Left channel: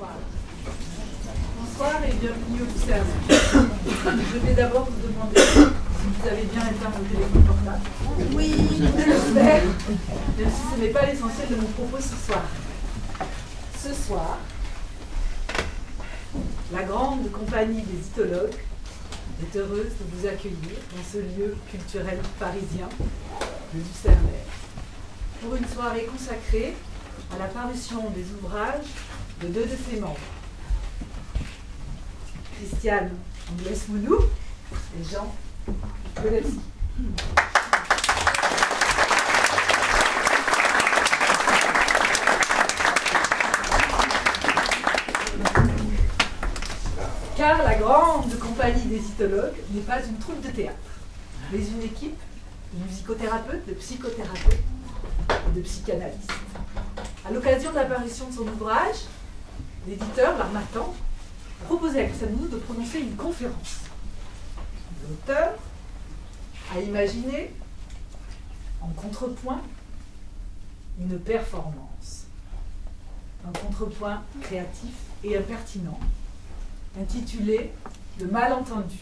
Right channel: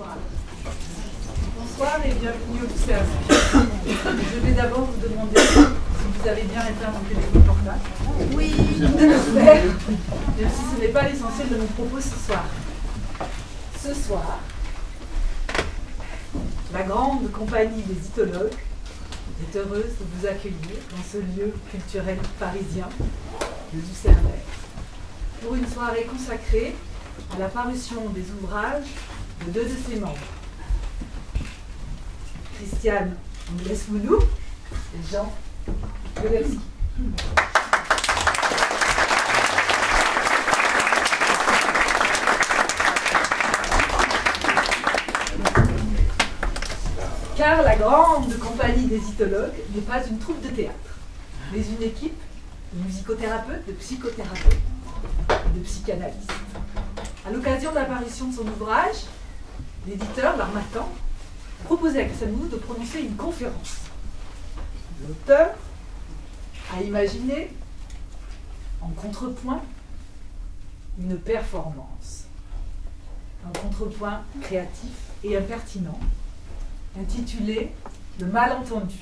Bonsoir. Bonsoir et bienvenue au Lucerne. Je vais d'abord vous demander si vous avez bien éteint vos téléphones portables. Oui, j'espère, même si ce n'est pas l'essentiel de mon propos ce soir. Ce soir, la grande compagnie des Ithologues est heureuse de vous accueillir dans ce lieu culturel parisien, le Lucernaire, pour une soirée consacrée à la parution des ouvrages de deux de ses membres, Christiane Anglès-Mounou et Jean Golewski. Car la grande compagnie des Ithologues n'est pas une troupe de théâtre, mais une équipe de musicothérapeutes, de psychothérapeutes et de psychanalystes. À l'occasion de l'apparition de son ouvrage, l'éditeur, l'Harmattan, proposait à Christiane Mounou de prononcer une conférence. L'auteur a imaginé, en contrepoint, une performance. Un contrepoint créatif et impertinent, intitulé « Le malentendu ».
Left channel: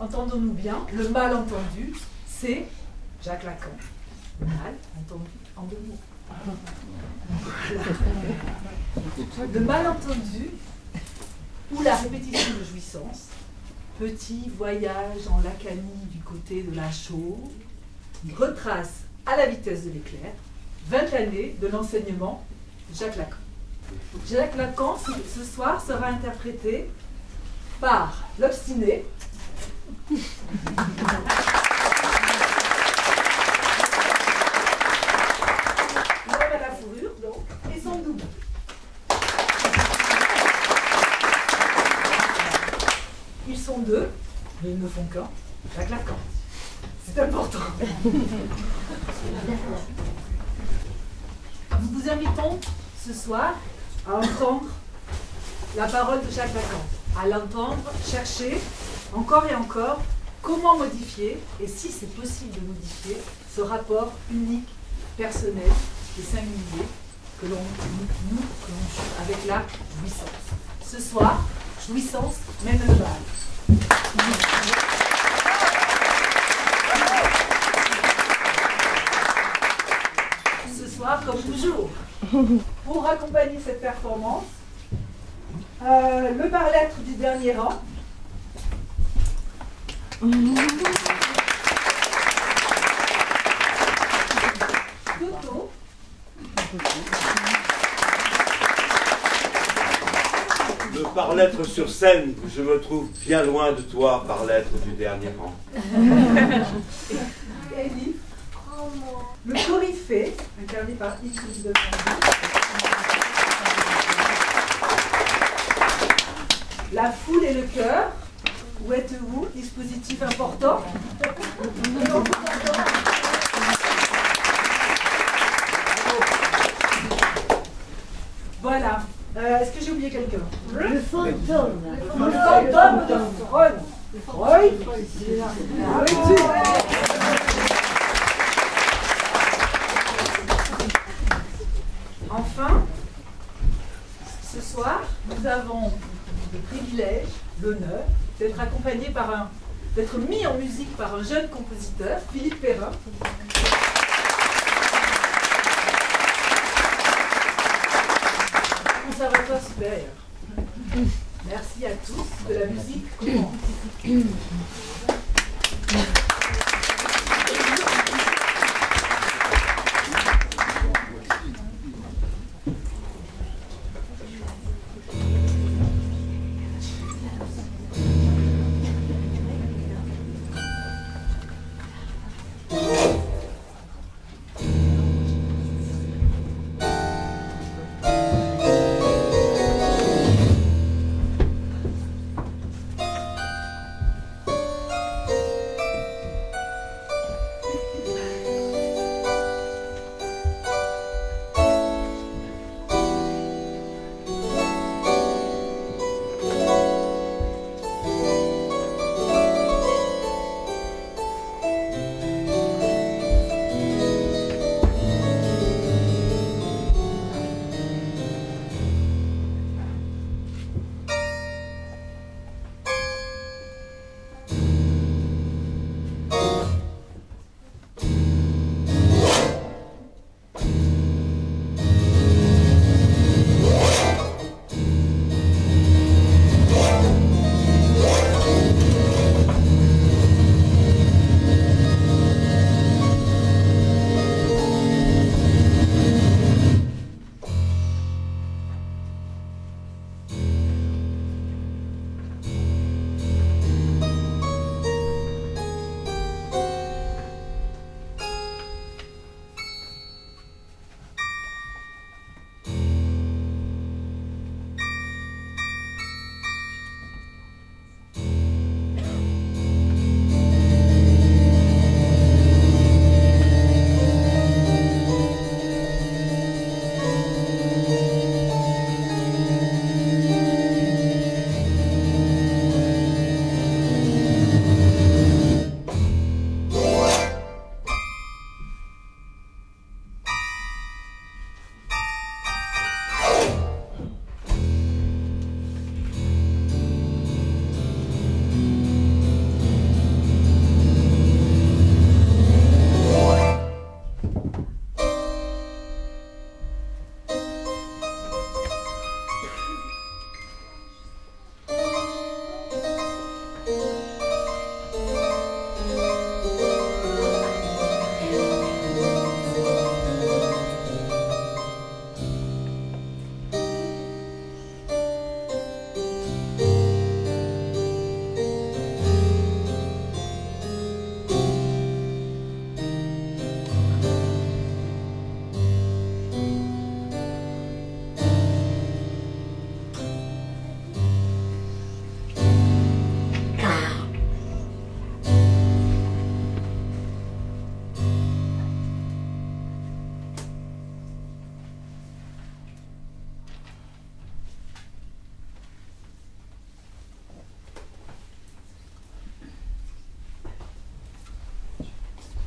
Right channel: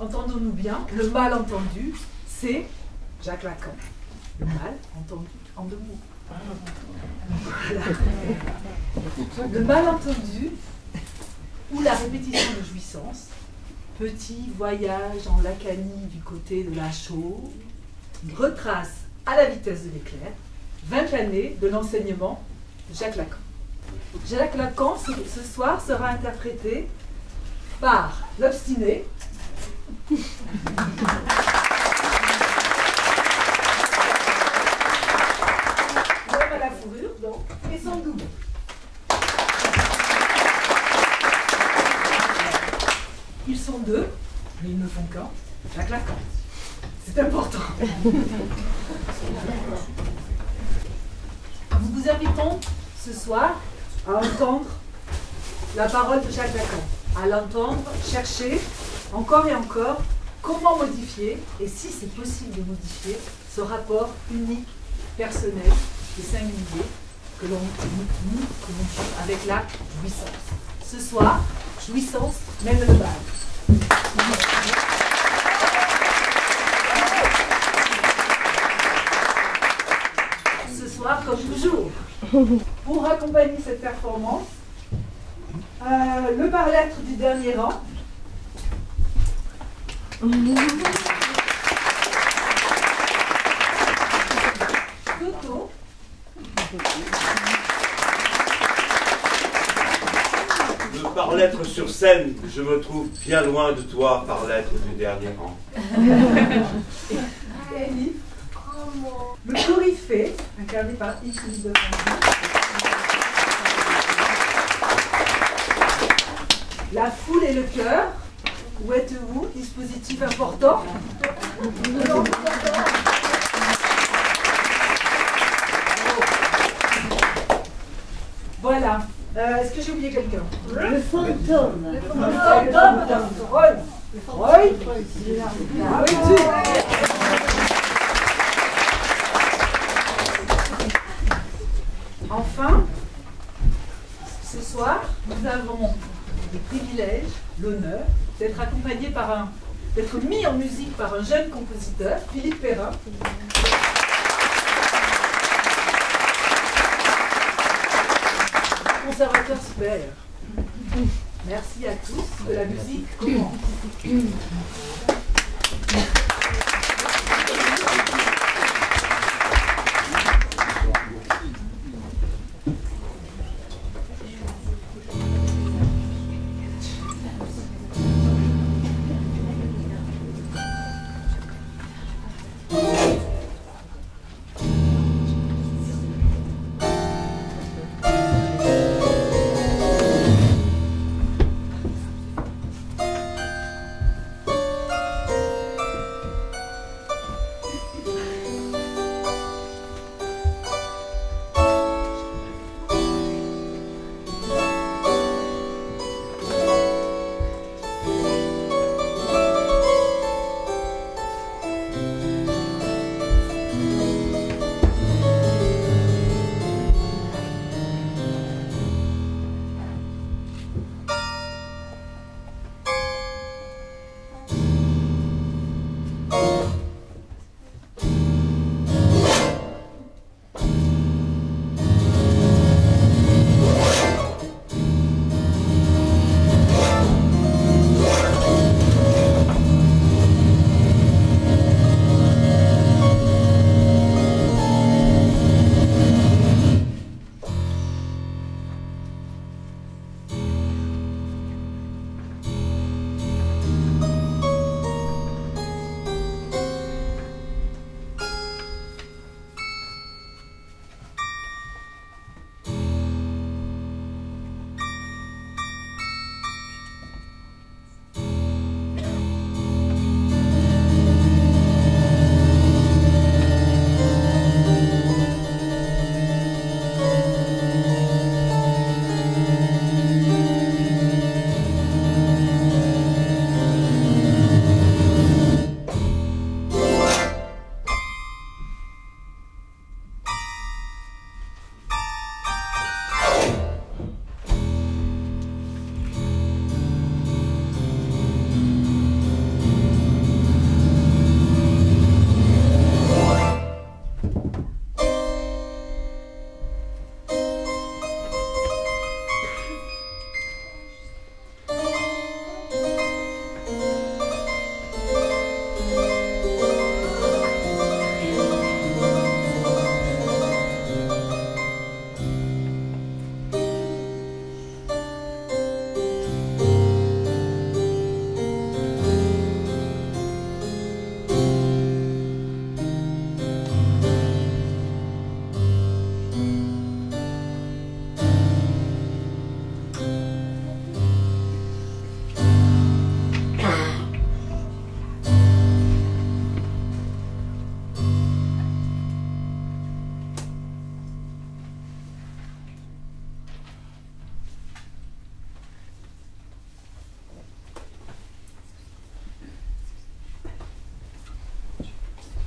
Entendons-nous bien, le malentendu, c'est Jacques Lacan. Le mal entendu en deux mots. Voilà. Le malentendu ou la répétition de jouissance, petit voyage en Lacanie du côté de la Chaux, retrace à la vitesse de l'éclair 20 années de l'enseignement de Jacques Lacan. Jacques Lacan, ce soir, sera interprété par l'obstiné, l'homme à la fourrure, donc, et son double. Ils sont deux, mais ils ne font qu'un, Jacques Lacan. C'est important. Nous vous invitons ce soir à entendre la parole de Jacques Lacan, à l'entendre chercher encore et encore comment modifier, et si c'est possible de modifier, ce rapport unique, personnel et singulier que l'on joue avec la jouissance. Ce soir, jouissance mène le bal. Ce soir, comme toujours, pour accompagner cette performance, le par-lettre du dernier rang. Toto. Le par-lettre sur scène, je me trouve bien loin de toi, par-lettre du dernier rang. Elif. Le coryphée, incarné par Yves de La foule et le cœur. Où êtes-vous? Dispositif important. Voilà. Est-ce que j'ai oublié quelqu'un? Le fantôme. Le fantôme de Freud. Freud. Enfin, ce soir, nous avons le privilège, l'honneur d'être accompagné d'être mis en musique par un jeune compositeur, Philippe Perrin. Conservateur supérieur. Merci à tous, que la musique commence.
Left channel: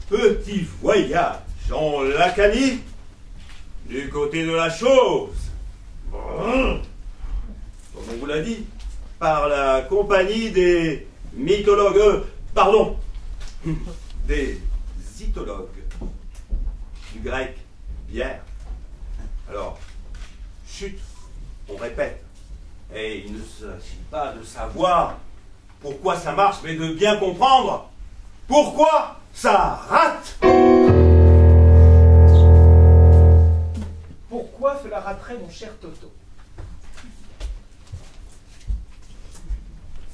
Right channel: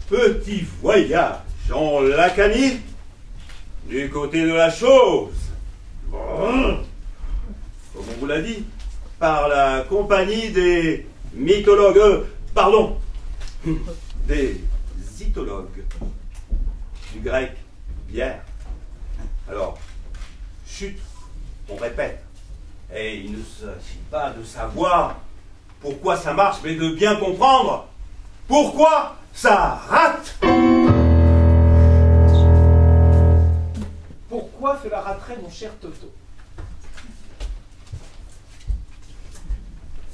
petit voyage en Lacanie, du côté de la chose. Comme on vous l'a dit, par la compagnie des mythologues, pardon, des zytologues, du grec bière. Alors, chut, on répète. Et il ne s'agit pas de savoir pourquoi ça marche, mais de bien comprendre pourquoi ça rate. Pourquoi cela raterait, mon cher Toto?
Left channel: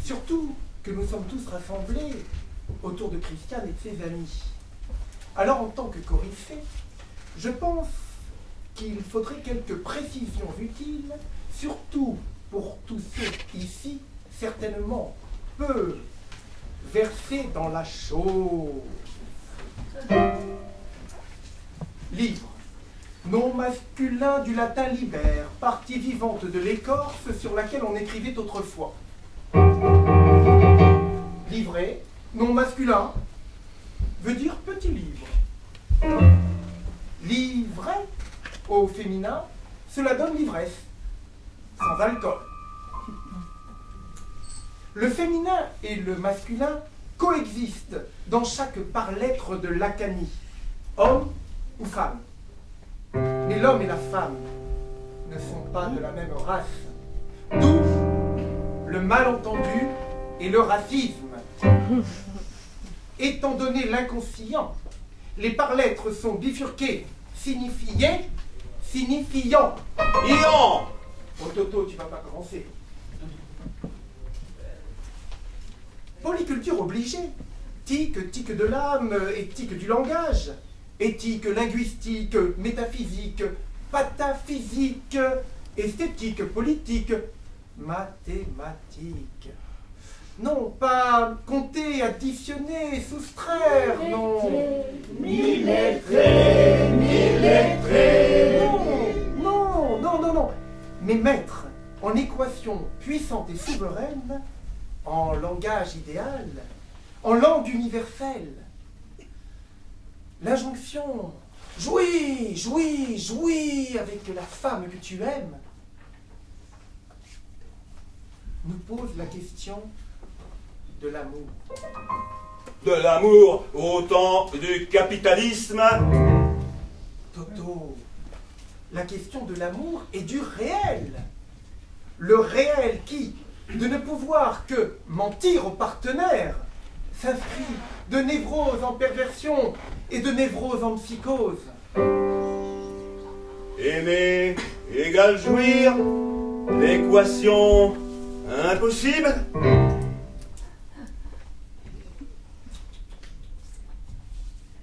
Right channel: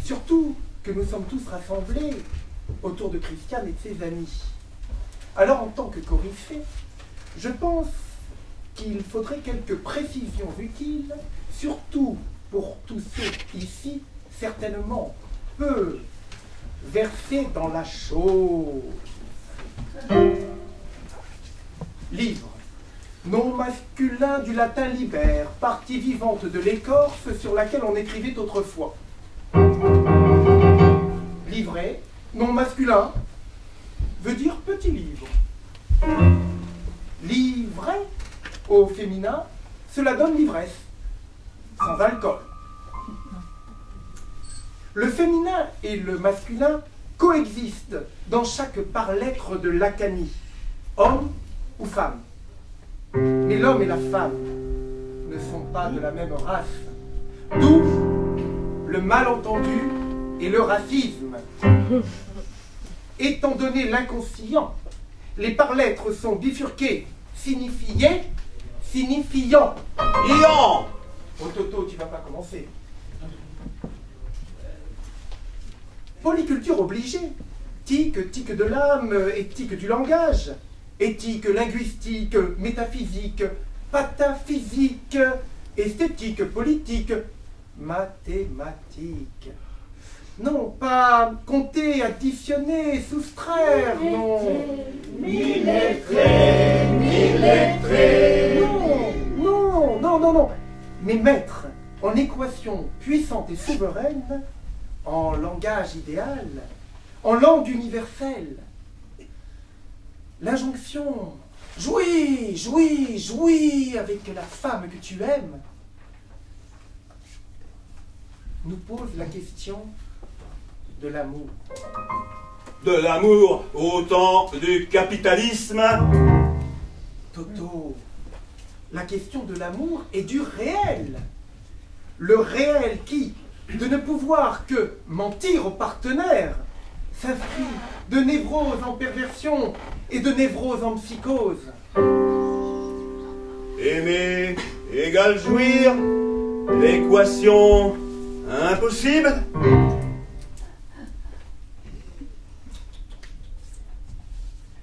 Surtout que nous sommes tous rassemblés autour de Christiane et de ses amis. Alors, en tant que coryphée, je pense qu'il faudrait quelques précisions utiles, surtout pour tous ceux ici, certainement peu versés dans la chose. Livre. Nom masculin du latin liber, partie vivante de l'écorce sur laquelle on écrivait autrefois. Livret, nom masculin, veut dire petit livre. Livret, au féminin, cela donne l'ivresse, sans alcool. Le féminin et le masculin coexistent dans chaque par-lettre de Lacanie, homme ou femme. Mais l'homme et la femme ne sont pas de la même race. D'où le malentendu et le racisme. Étant donné l'inconscient, les par-lettres sont bifurquées, signifiées, signifiant. Ian! Oh Toto, tu vas pas commencer. Polyculture obligée. Tique, tique de l'âme, éthique du langage. Éthique, linguistique, métaphysique, pataphysique, esthétique, politique, mathématique. Non, pas compter, additionner, soustraire, non. Millettré, millettré. Non. Mais mettre en équation puissante et souveraine, en langage idéal, en langue universelle. L'injonction « Jouis, jouis, jouis avec la femme que tu aimes » nous pose la question de l'amour. De l'amour au temps du capitalisme. Toto, la question de l'amour est du réel. Le réel qui, de ne pouvoir que mentir au partenaire, s'inscrit de névrose en perversion et de névrose en psychose. Aimer égale jouir, l'équation impossible.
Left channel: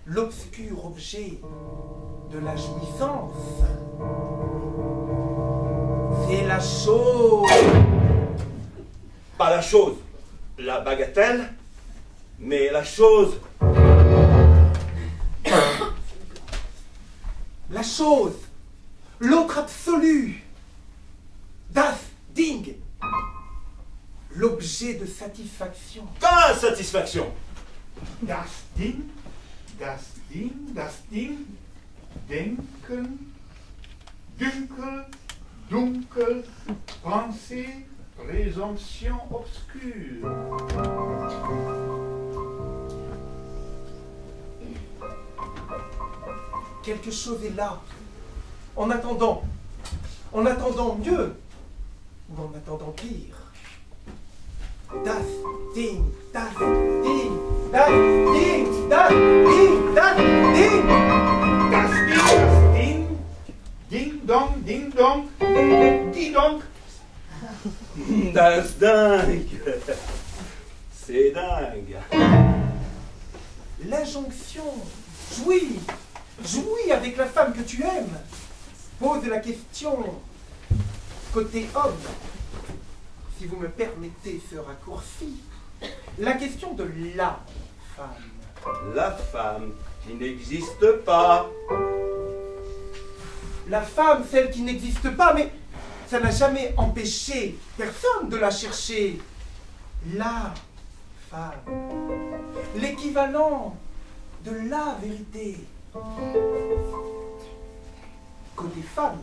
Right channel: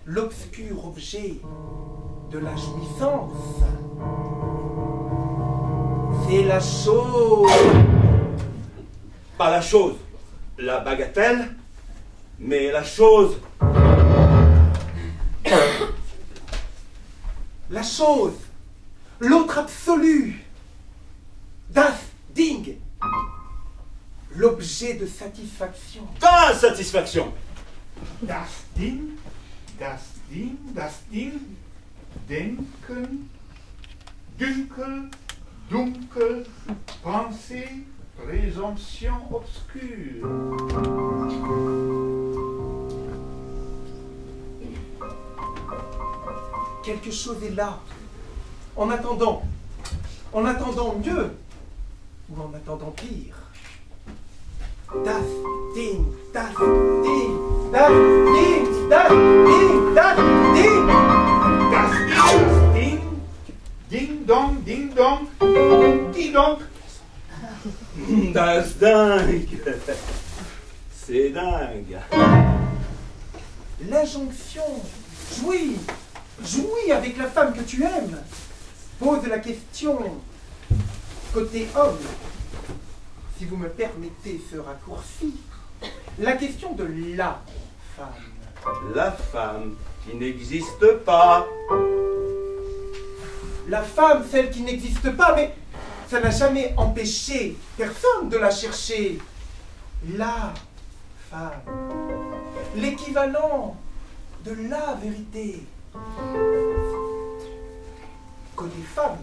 L'obscur objet de la jouissance, c'est la chose. Pas la chose, la bagatelle, mais la chose. La chose, l'autre absolu, das Ding, l'objet de satisfaction. D'insatisfaction. Das Ding, denken, dunkel, dunkel, pensée, présomption obscure. Quelque chose est là, en attendant mieux, ou en attendant pire. Das Ding, das Ding, das Ding, das Ding, das Ding. Das Ding, ding dong, die dong. Das dingue. C'est dingue. L'injonction, jouis, jouis avec la femme que tu aimes, pose la question côté homme. Si vous me permettez ce raccourci, la question de la femme. La femme qui n'existe pas. La femme, celle qui n'existe pas, mais ça n'a jamais empêché personne de la chercher. La femme. L'équivalent de la vérité. Côté femme,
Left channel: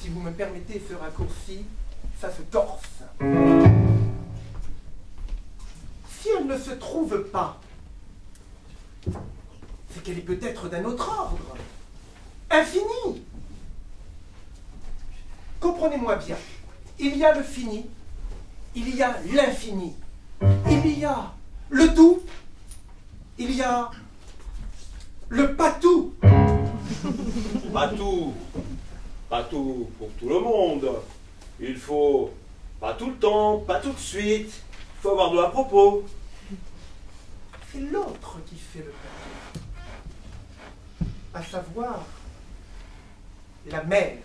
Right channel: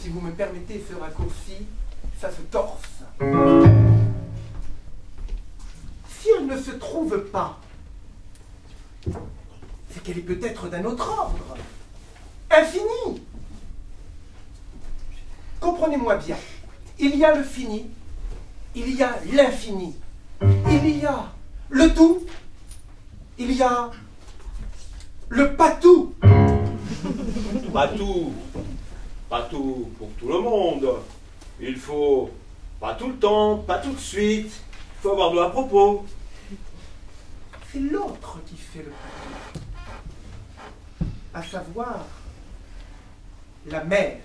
si vous me permettez ce raccourci, ça se torse. Si elle ne se trouve pas, c'est qu'elle est peut-être d'un autre ordre, infini. Comprenez-moi bien, il y a le fini, il y a l'infini, il y a le tout, il y a le pas tout. Pas tout. Pas tout pour tout le monde. Il faut pas tout le temps, pas tout de suite. Il faut avoir de à propos. C'est l'autre qui fait le pas tout. À savoir, la mère.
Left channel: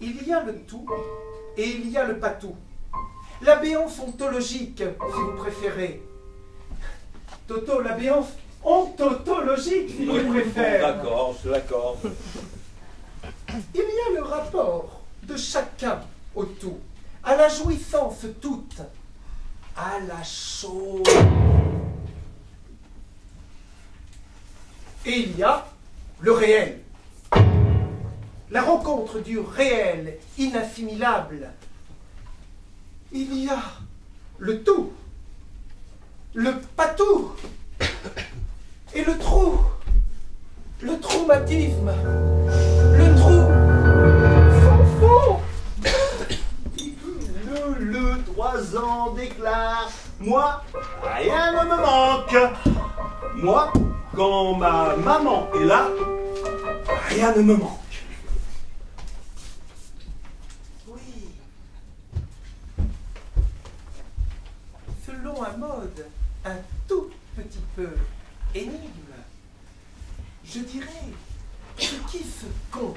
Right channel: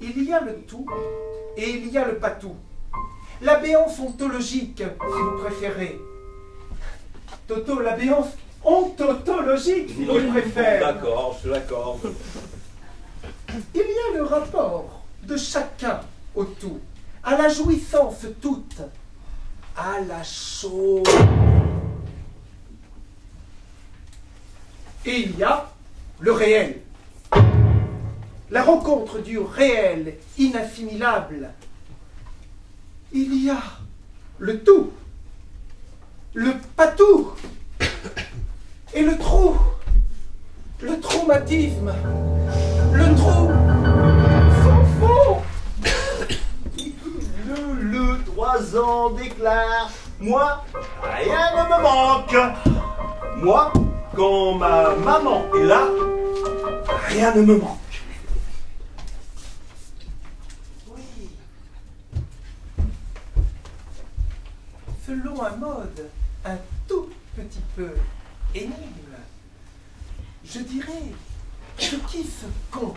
Il y a le tout et il y a le pas tout. La béance ontologique, si vous préférez. Toto, la béance ontologique, si vous préférez. D'accord, je l'accorde. Il y a le rapport de chacun au tout, à la jouissance toute, à la chose. Et il y a le réel. La rencontre du réel inassimilable. Il y a le tout, le pas tout, et le trou, le traumatisme, le trou sans fond. Le 3 ans déclare, moi, rien ne me manque. Moi, quand ma maman est là, rien ne me manque. Selon un mode un tout petit peu énigme, je dirais ce qui se compte.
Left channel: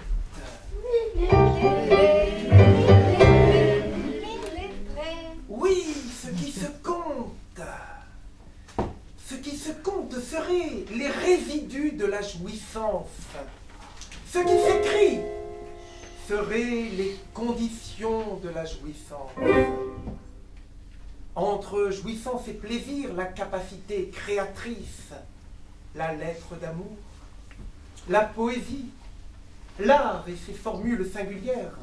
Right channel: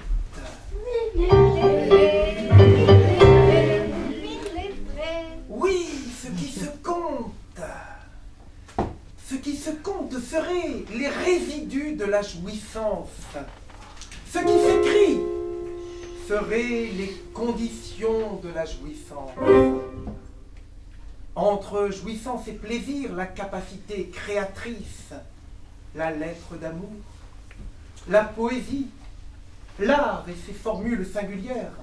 Oui, ce qui se compte. Ce qui se compte serait les résidus de la jouissance. Ce qui s'écrit seraient les conditions de la jouissance. Entre jouissance et plaisir, la capacité créatrice, la lettre d'amour, la poésie, l'art et ses formules singulières.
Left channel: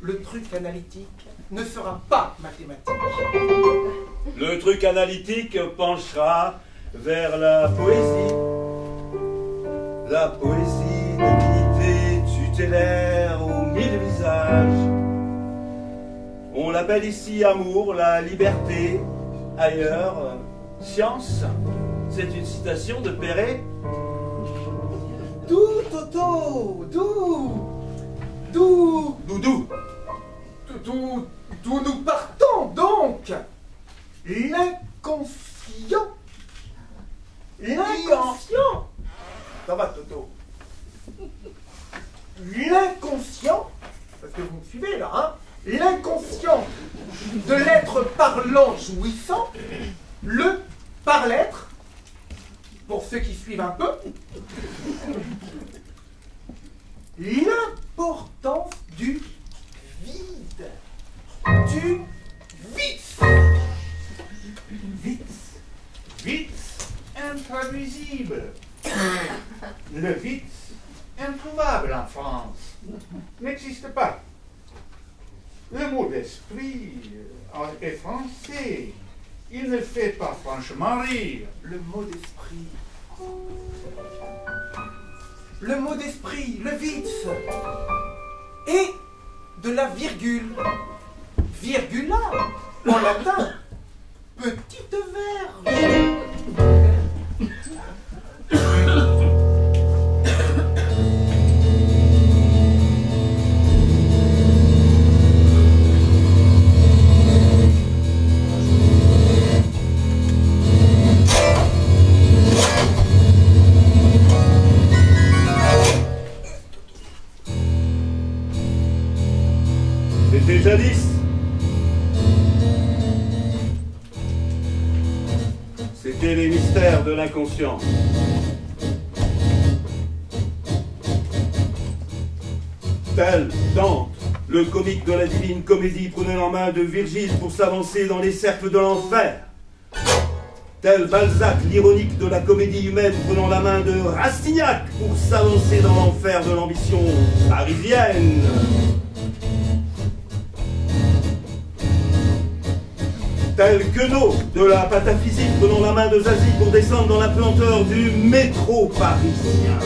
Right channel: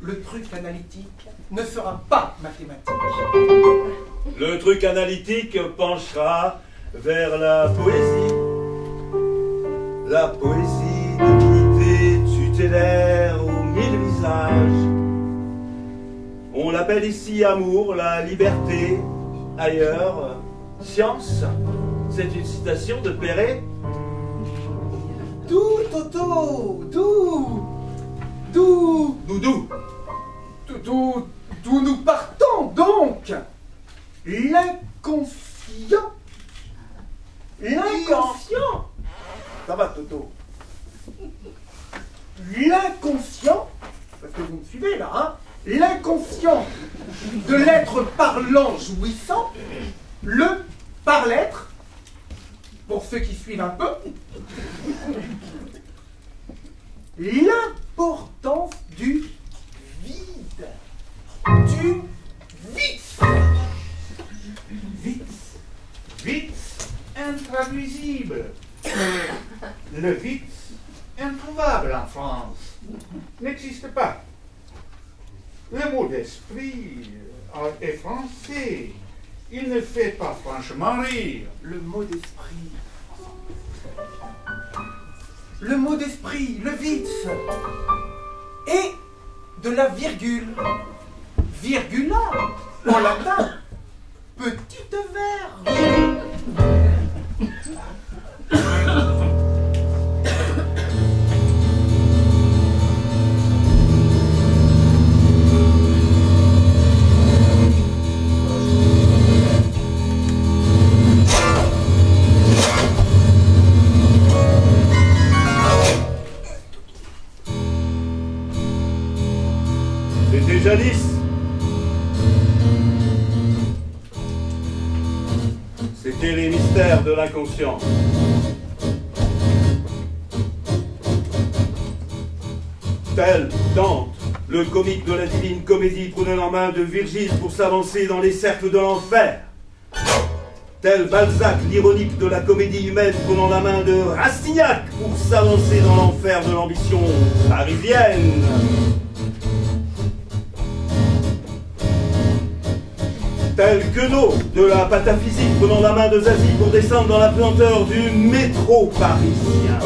Le truc analytique ne sera pas mathématique. Le truc analytique penchera vers la poésie d'unité tutélaire aux 1000 visages. On l'appelle ici amour, la liberté, ailleurs, science. C'est une citation de Perret. D'où, Toto, d'où nous partons donc. L'inconscient. Ça va, Toto. L'inconscient, parce que vous me suivez là, hein. L'inconscient de l'être parlant jouissant, le par-l'être, pour ceux qui suivent un peu, l'importance du vide, du vice. Vice intraduisible. Le vice introuvable en France n'existe pas. Le mot d'esprit est français. Il ne fait pas franchement rire. Le mot d'esprit. Le mot d'esprit, le vice. Et de la virgule. Virgula, en latin. Petite verge. C'était jadis. C'était les mystères de l'inconscient. Tel Dante, Le comique de la divine comédie prenait la main de Virgile pour s'avancer dans les cercles de l'enfer. Tel Balzac, l'ironique de la comédie humaine, prenant la main de Rastignac pour s'avancer dans l'enfer de l'ambition parisienne. Tel Queneau de la pataphysique prenant la main de Zazie pour descendre dans la pesanteur du métro parisien.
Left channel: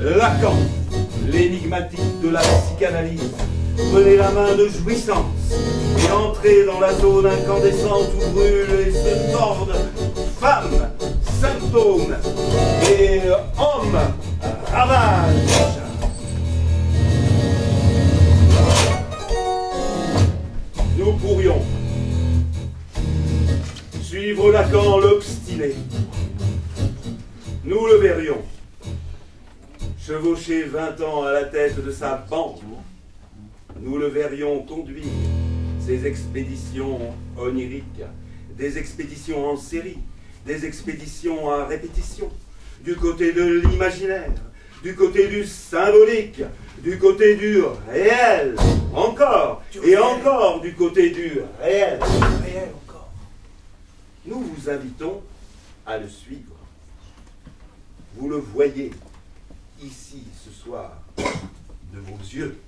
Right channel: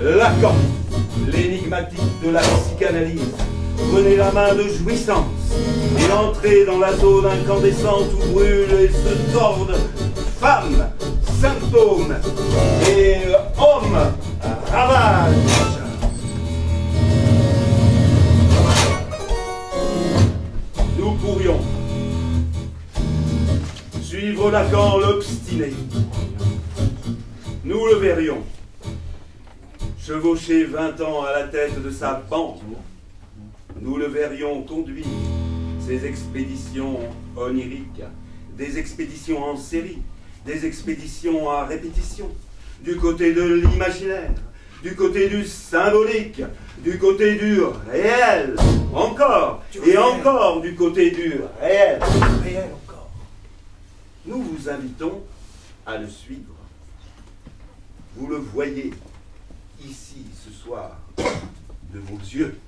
Lacan, l'énigmatique de la psychanalyse, prenait la main de jouissance et entrait dans la zone incandescente où brûlent et se tordent femmes, symptômes et hommes ravages. Nous pourrions suivre Lacan l'obstiné. Nous le verrions chevaucher 20 ans à la tête de sa bande. Nous le verrions conduire ses expéditions oniriques, des expéditions en série, des expéditions à répétition, du côté de l'imaginaire, du côté du symbolique, du côté du réel, encore et encore du côté du réel. Réel encore. Nous vous invitons à le suivre. Vous le voyez ici ce soir de vos yeux.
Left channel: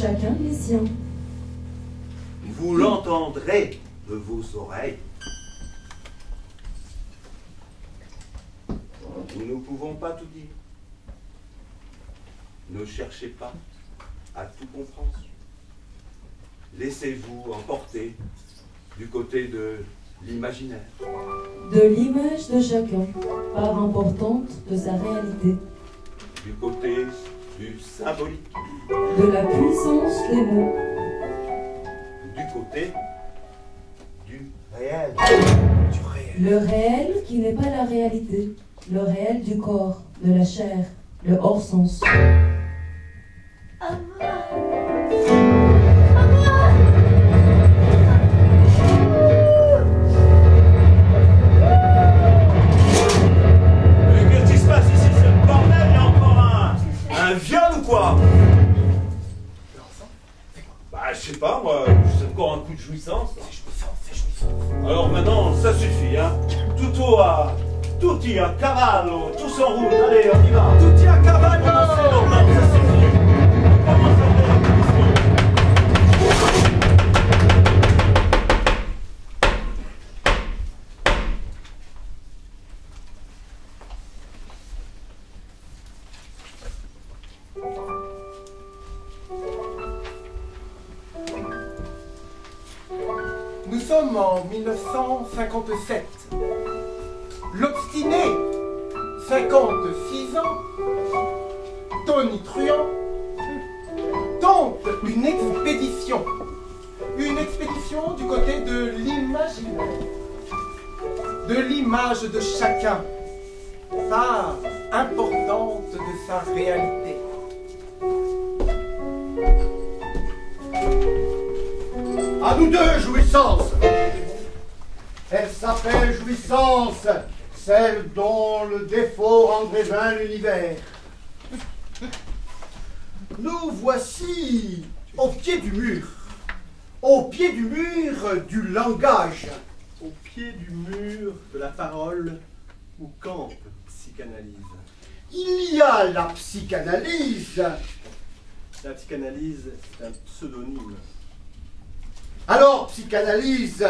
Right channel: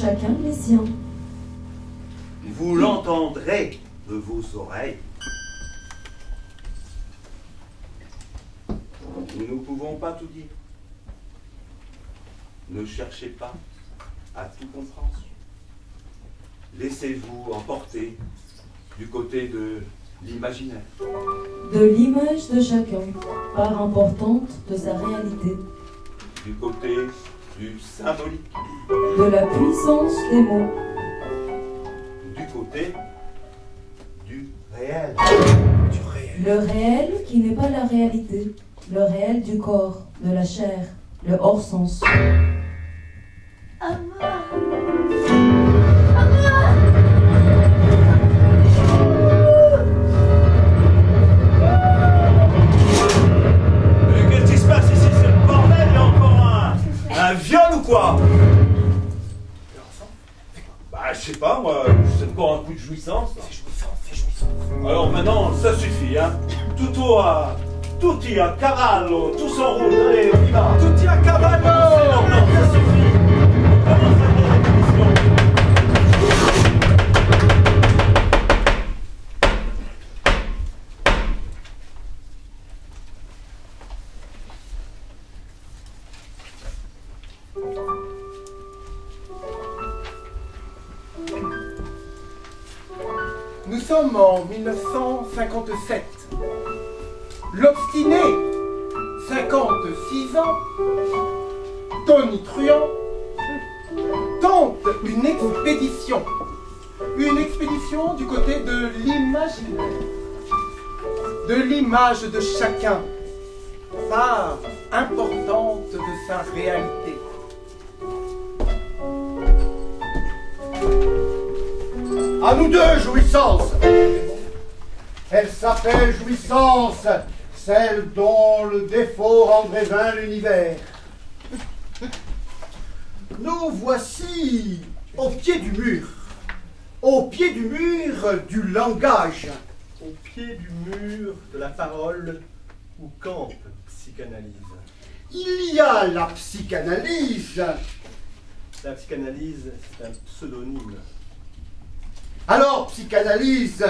Chacun les siens. Vous l'entendrez de vos oreilles. Nous ne pouvons pas tout dire. Ne cherchez pas à tout comprendre. Laissez-vous emporter du côté de l'imaginaire. De l'image de chacun, part importante de sa réalité. Du côté du symbolique. De la puissance des mots. Du côté du réel. Du réel. Le réel qui n'est pas la réalité. Le réel du corps, de la chair, le hors-sens. Qu'est-ce qui se passe ici? C'est le bordel, il y a encore un viol ou quoi? Bah, je sais pas, moi, c'est encore un coup de jouissance. C'est jouissant, c'est jouissant. Alors maintenant, ça suffit, hein. Tutti a cavallo, tous en route, allez, on y va. Tutti a cavallo! Ça suffit. Commence à faire la compétition. Nous sommes en 1957. L'obstiné, 56 ans, tonitruant, tente une expédition. Une expédition du côté de l'imaginaire, de l'image de chacun, part importante de sa réalité. À nous deux, jouissance. Elle s'appelle jouissance, celle dont le défaut rendrait vain l'univers. Nous voici au pied du mur du langage. Au pied du mur de la parole où campe psychanalyse. Il y a la psychanalyse. La psychanalyse, c'est un pseudonyme. Alors, psychanalyse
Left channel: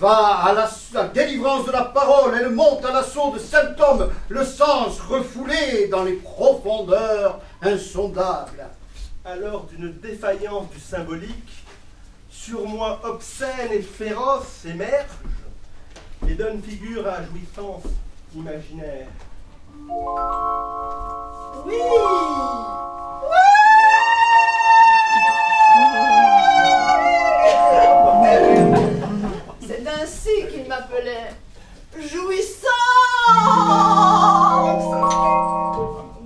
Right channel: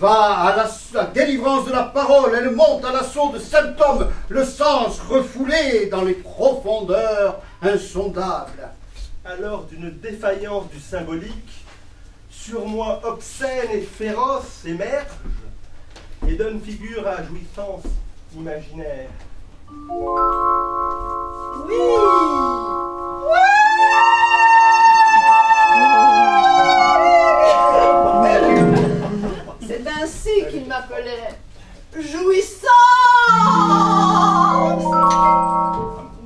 va à la délivrance de la parole, elle monte à l'assaut de symptômes, le sens refoulé dans les profondeurs insondables. Alors d'une défaillance du symbolique, sur moi obscène et féroce émerge et donne figure à jouissance imaginaire. Oui! C'est ainsi qu'il m'appelait. Jouissance!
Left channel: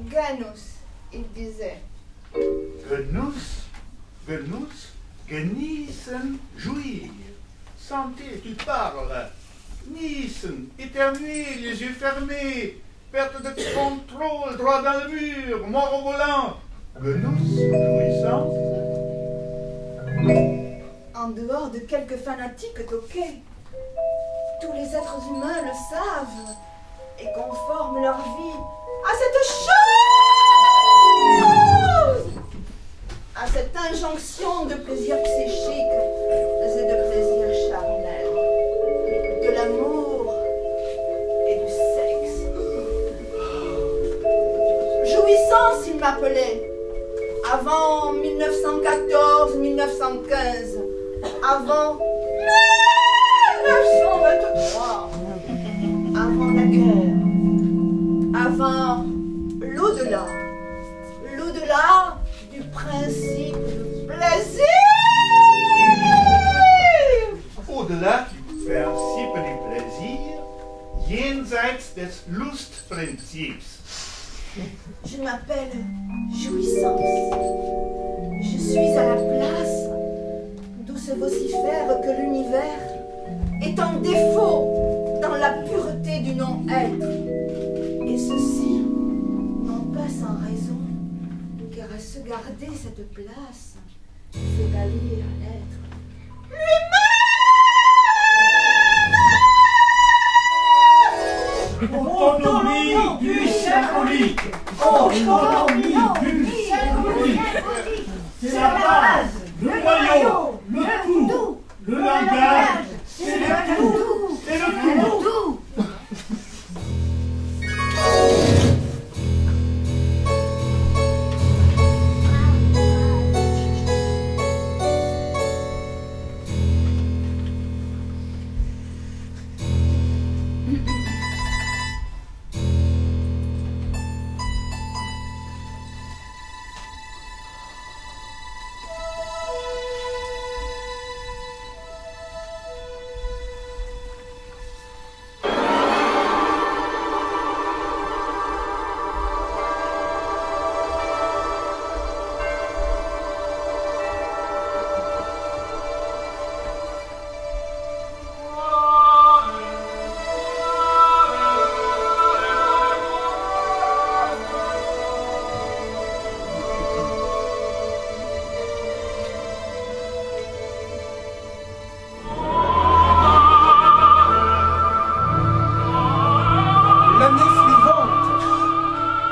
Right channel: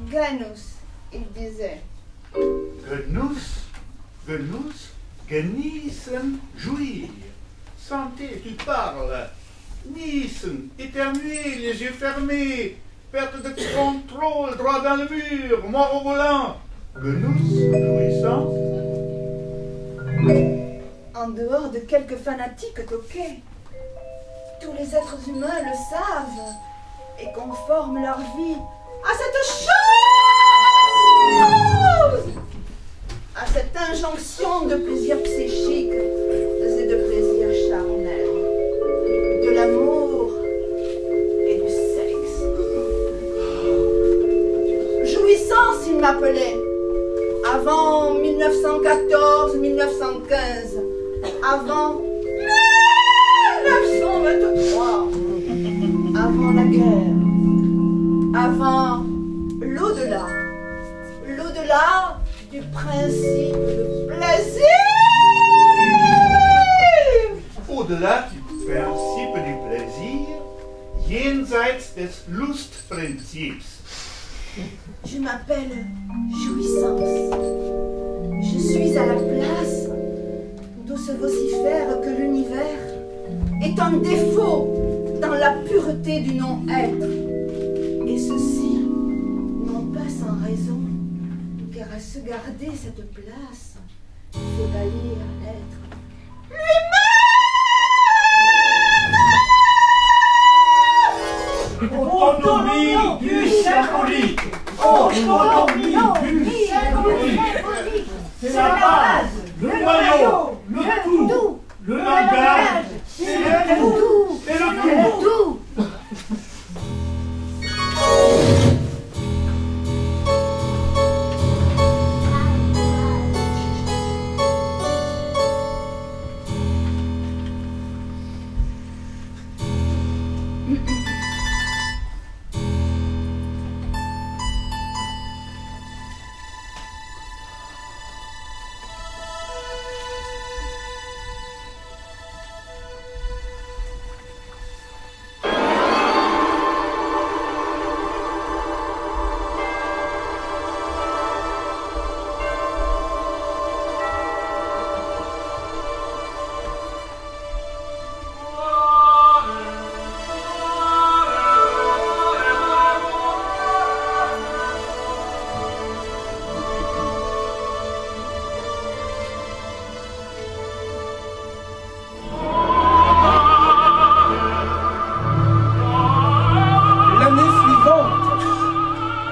Ganus, il disait. Genus, genießen, jouir. Santé, tu parles. Niesen, éternuer, les yeux fermés. perte de contrôle, droit dans le mur, mort au volant. Le nous, jouissant. En dehors de quelques fanatiques toqués, tous les êtres humains le savent et conforment leur vie à cette chose, à cette injonction de plaisir psychique et de plaisir charnel, de l'amour et du sexe. Jouissance, il m'appelait, avant 1914-1915, avant 1923, avant la guerre, avant l'au-delà, l'au-delà du principe de plaisir. Au-delà du principe du plaisir, jenseits des Lustprinzips. Je m'appelle Jouissance. Je suis à la place d'où se vocifère que l'univers est un défaut dans la pureté du non-être. Et ceci, non pas sans raison, car à se garder cette place, c'est bâlir l'être lui-même. Autonomie du symbolique. Autonomie du symbolique. C'est la base, le noyau, le tout, le langage, c'est le tout et le tout.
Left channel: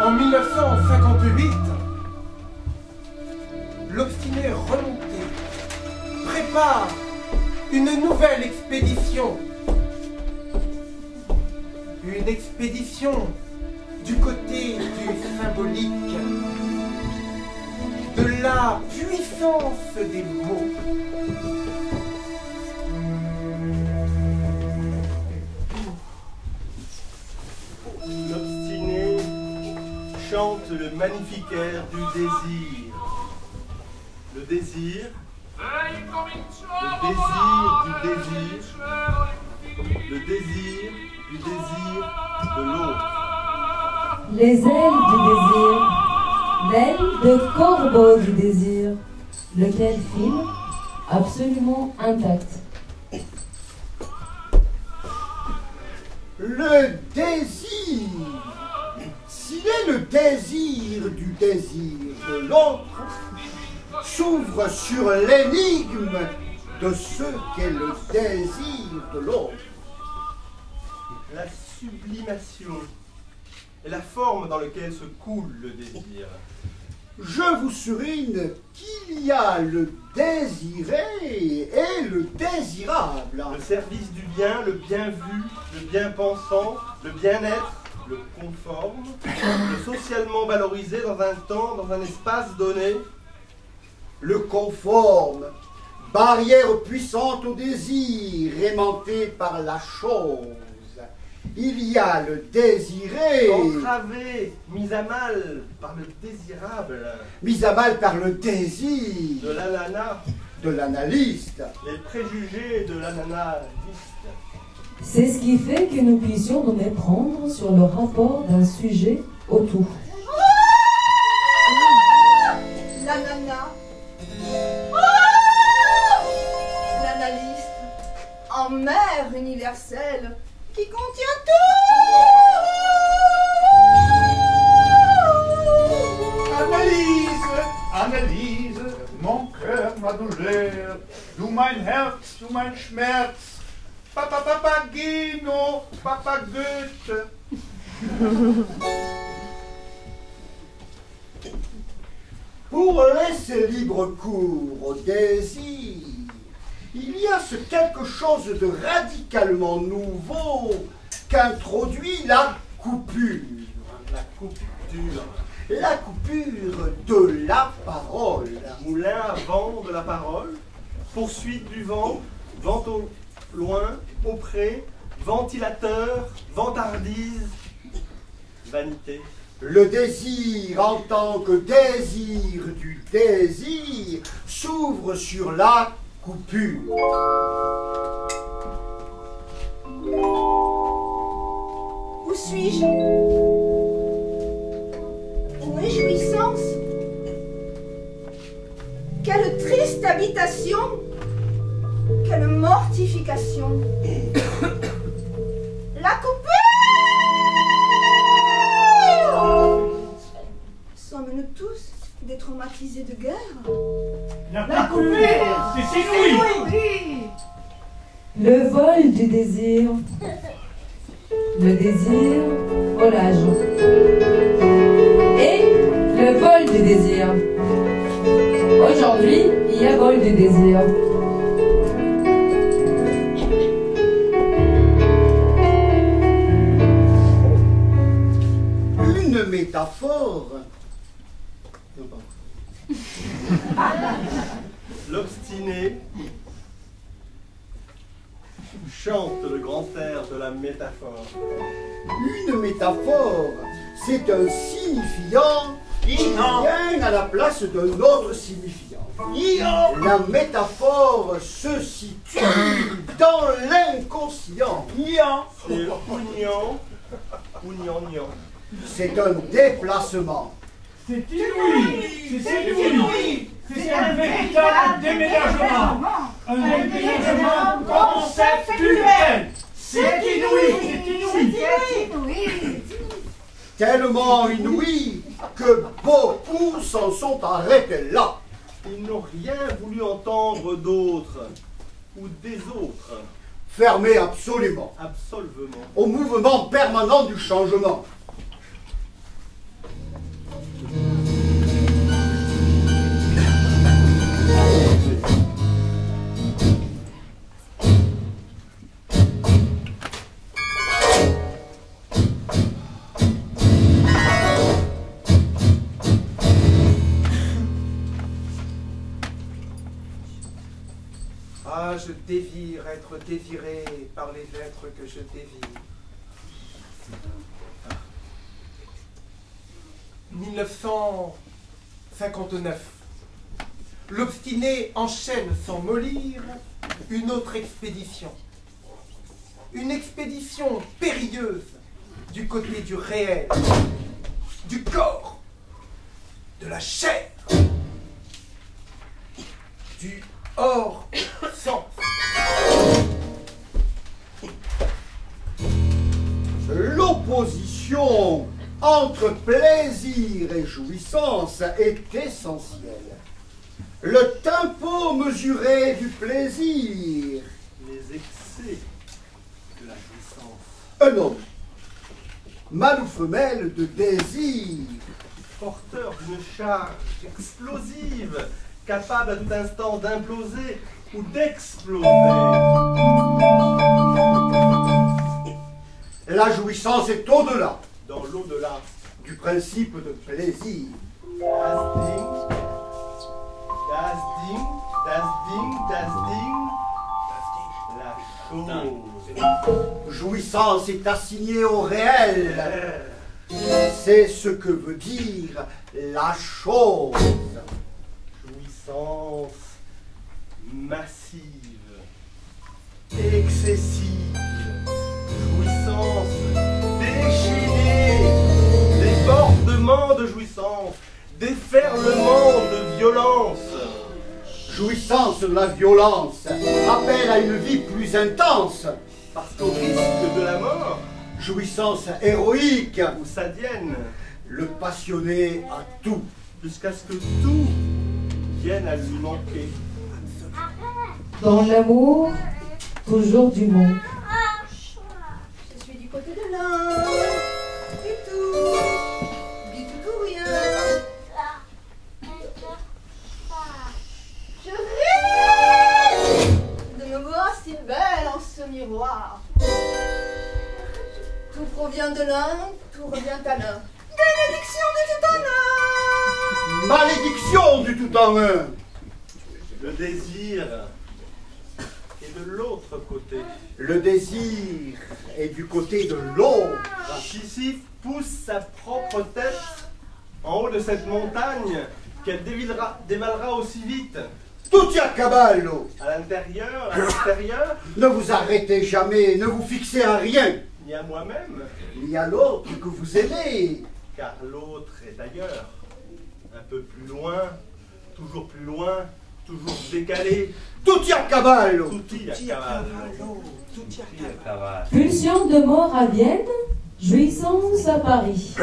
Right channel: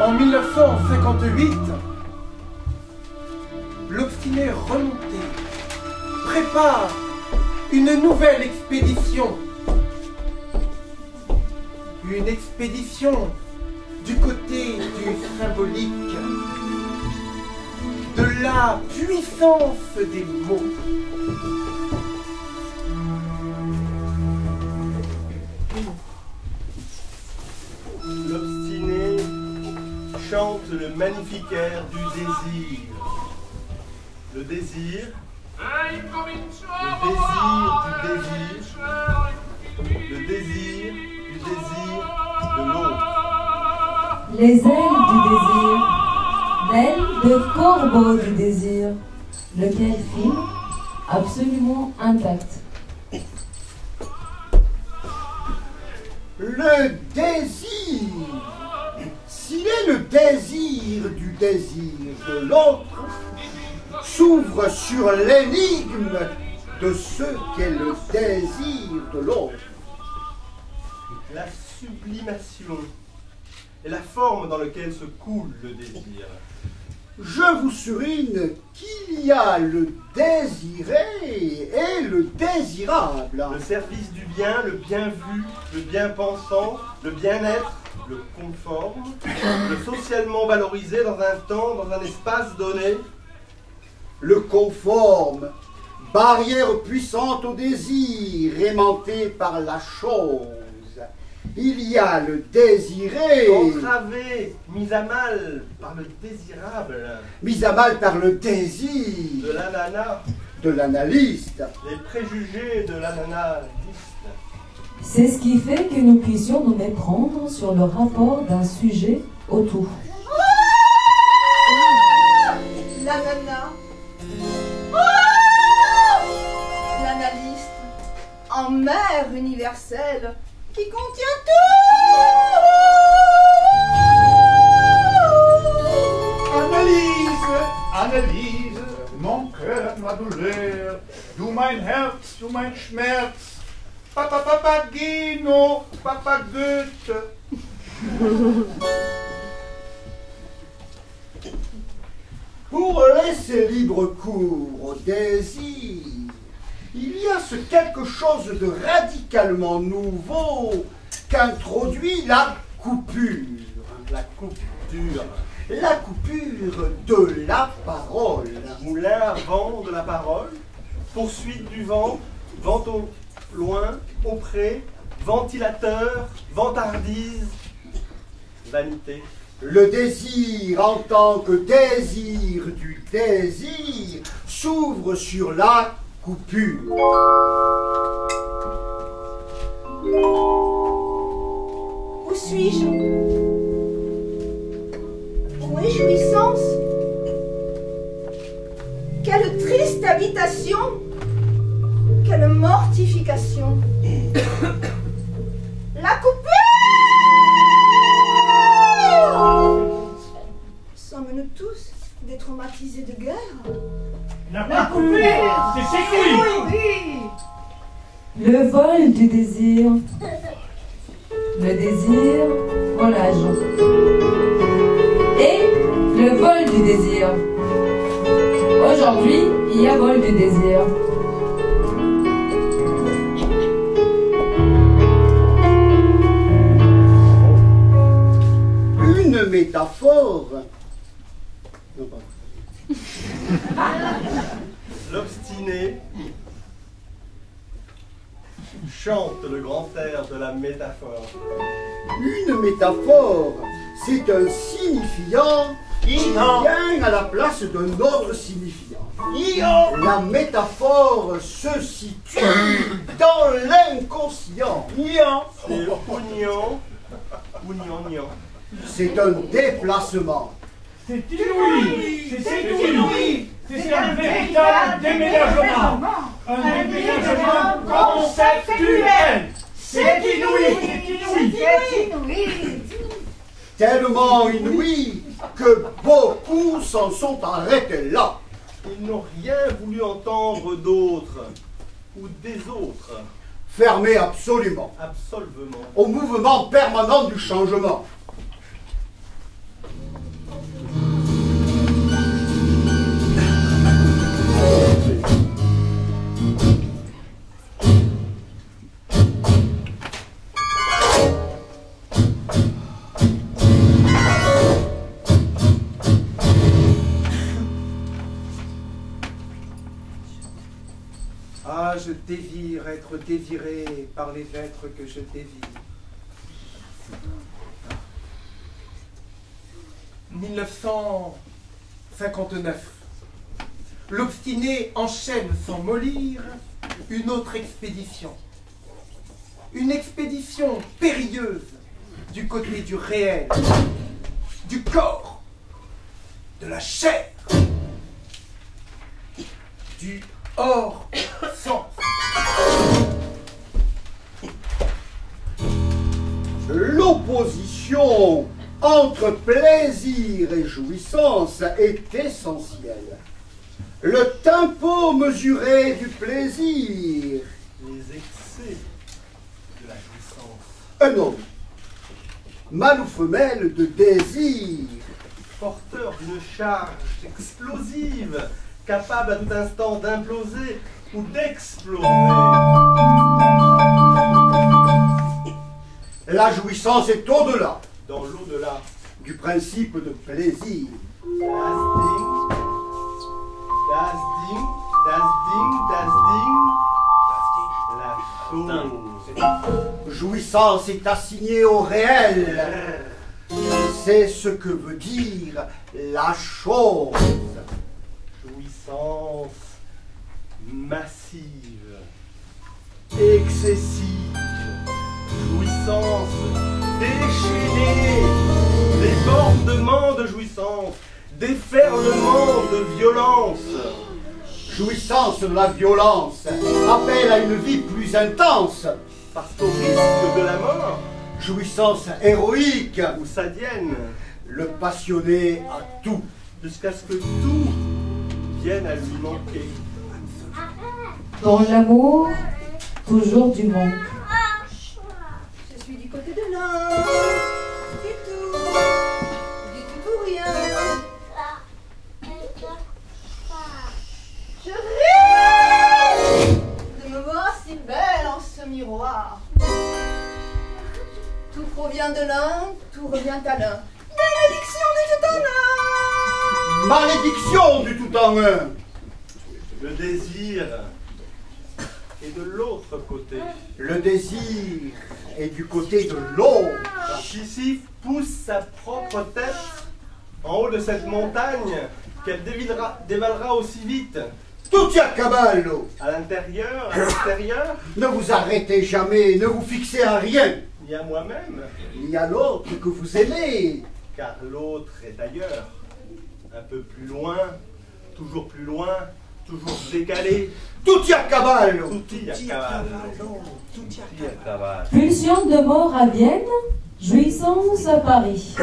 En 1958, l'obstiné remonté prépare une nouvelle expédition. Une expédition du côté du symbolique, de la puissance des mots. L'obstiné chante le magnifique air du désir. Le désir, le désir du désir de l'autre. Les ailes du désir, l'aile de corbeau du désir, lequel file absolument intact. Le désir, s'il est le désir du désir de l'autre, s'ouvre sur l'énigme de ce qu'est le désir de l'autre. La sublimation est la forme dans laquelle se coule le désir. Je vous souligne qu'il y a le désiré et le désirable. Le service du bien, le bien vu, le bien pensant, le bien-être, le conforme, le socialement valorisé dans un temps, dans un espace donné. Le conforme, barrière puissante au désir, aimantée par la chose. Il y a le désiré, Entravé, mis à mal par le désirable, mis à mal par le désir de l'anana, de l'analyste. les préjugés de l'analiste. C'est ce qui fait que nous puissions nous méprendre sur le rapport d'un sujet au tout. L'anana. L'analyste, en mer universelle qui contient tout. mein Herz, du mein Schmerz. Papagino, Papa Goethe. Pour laisser libre cours au désir, il y a ce quelque chose de radicalement nouveau qu'introduit la coupure. La coupure. La coupure de la parole. Moulin à vent de la parole, poursuite du vent, vent au loin, au près, ventilateur, vantardise, vanité. Le désir en tant que désir du désir s'ouvre sur la coupure. Où suis-je? Où est jouissance? Quelle triste habitation! Quelle mortification! La coupure! Sommes-nous tous des traumatisés de guerre? La coupure, c'est inouï. Le vol du désir. Le désir volage. Et le vol du désir. Aujourd'hui, il y a vol du désir. Une métaphore. Non, pardon. L'obstiné chante le grand air de la métaphore. Une métaphore, c'est un signifiant qui vient à la place d'un autre signifiant. La métaphore se situe dans l'inconscient. C'est ougnant ou gnangnan. C'est un déplacement. C'est inouï. C'est inouï. C'est un véritable déménagement. Un déménagement conceptuel. C'est inouï. C'est inouï. Tellement inouï que beaucoup s'en sont arrêtés là. Ils n'ont rien voulu entendre d'autres ou des autres. Fermés absolument Absolvement. au mouvement permanent du changement. Ah, je désire être désiré par les êtres que je désire. 1959. L'obstiné enchaîne sans mollir une autre expédition. Une expédition périlleuse du côté du réel, du corps, de la chair, du hors-sens. L'opposition entre plaisir et jouissance est essentielle. Le tempo mesuré du plaisir. Les excès de la jouissance. Un homme, mâle ou femelle de désir. Porteur d'une charge explosive, capable à tout instant d'imploser ou d'exploser. La jouissance est au-delà Dans l'au-delà. du principe de plaisir. Das Ding, das Ding, das Ding, das Ding. La chose. Jouissance est assignée au réel. C'est ce que veut dire la chose. Jouissance massive, excessive, jouissance déchaînée, débordement de jouissance, déferlement de violence. Jouissance de la violence appelle à une vie plus intense. Parce qu'au risque de la mort, Jouissance héroïque, ou sadienne, le passionné a tout. jusqu'à ce que tout vienne à lui manquer. Dans l'amour, toujours du manque. Je suis du côté de l'un, du tout pour rien. Je rêve de me voir si belle en ce miroir. Tout provient de l'un, tout revient à l'un. Bénédiction du tout en un. Malédiction du tout en un. Le désir est de l'autre côté. Le désir est du côté de l'autre. Sisyphe pousse sa propre tête en haut de cette montagne qu'elle dévalera aussi vite. Tout y a caballo. À l'intérieur, à l'extérieur, Ne vous arrêtez jamais, ne vous fixez à rien. ni à moi-même, Il y a l'autre que vous aimez. car l'autre est ailleurs. Un peu plus loin, toujours décalé. Tout y a caballo. Tout y a cavale. Pulsion de mort à Vienne, jouissance à Paris.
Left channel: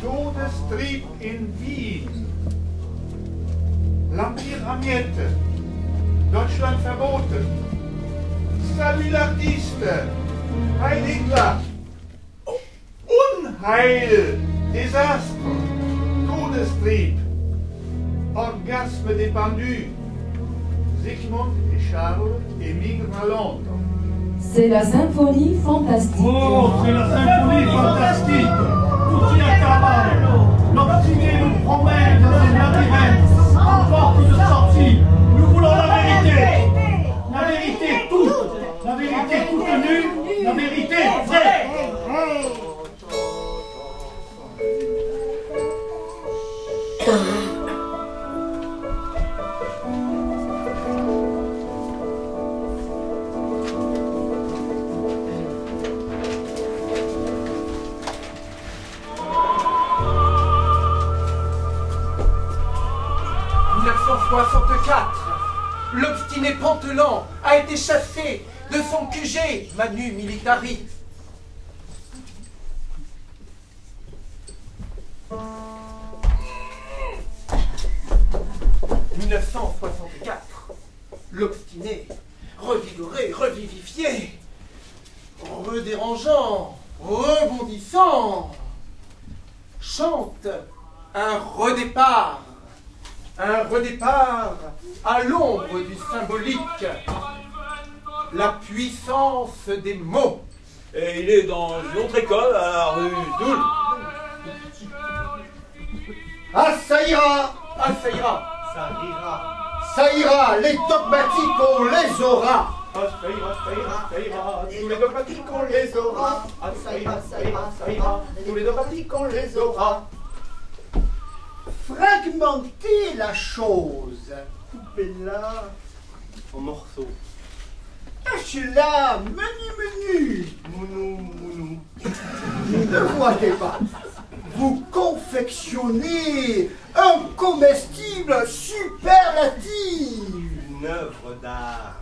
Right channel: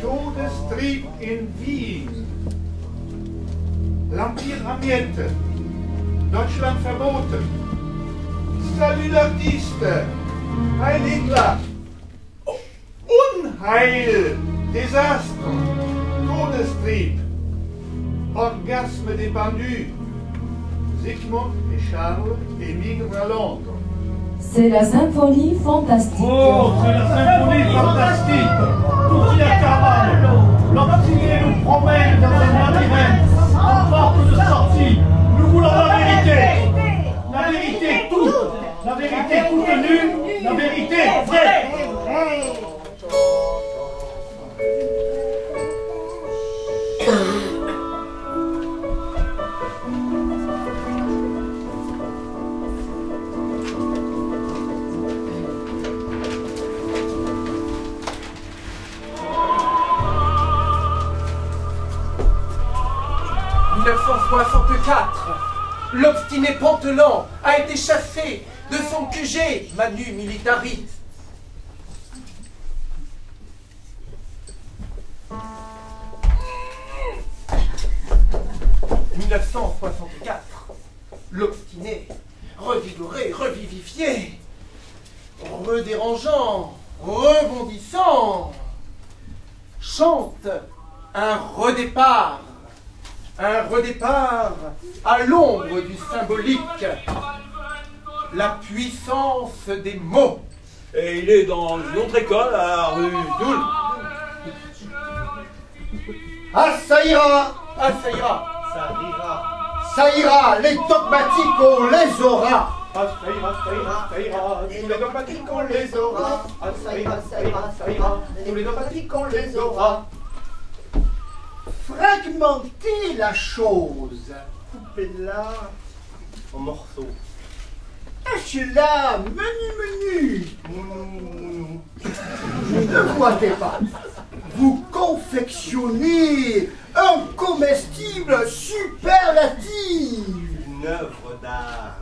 Todestrieb in Wien. L'Empire à miettes. Deutschland verboten. Salut d'artiste. Heil Hitler. Unheil. Désastre. Todestrieb. Orgasme des pendus. Sigmund et Charles émigrent à Londres. C'est la symphonie fantastique. Oh, c'est la symphonie fantastique. Tout y a cavale. L'obstiné nous promène dans un labyrinthe sans porte de sortie. Nous voulons la vérité. La vérité toute. La vérité toute nue. La vérité vraie. 1964, l'obstiné Pantelan a été chassé de son QG Manu Militari. « 1964, l'obstiné, revigoré, revivifié, redérangeant, rebondissant, chante un redépart à l'ombre du symbolique, la puissance des mots. » Et il est dans une autre école à la rue Doul. Ah, ça ira. Ah, ça ira. Ça rira. Ça ira, les dogmatiques, on les aura. Ah, ça ira, ça ira, ça ira. Tous les dogmatiques, on les aura. Ah, ça ira, ça ira, ça ira. Tous les dogmatiques, on les aura. Fragmenter la chose. Coupez-la en morceaux. Hachez-la, menu. Mounou. Ne voyez pas. Vous confectionnez un comestible superlatif. Une œuvre d'art.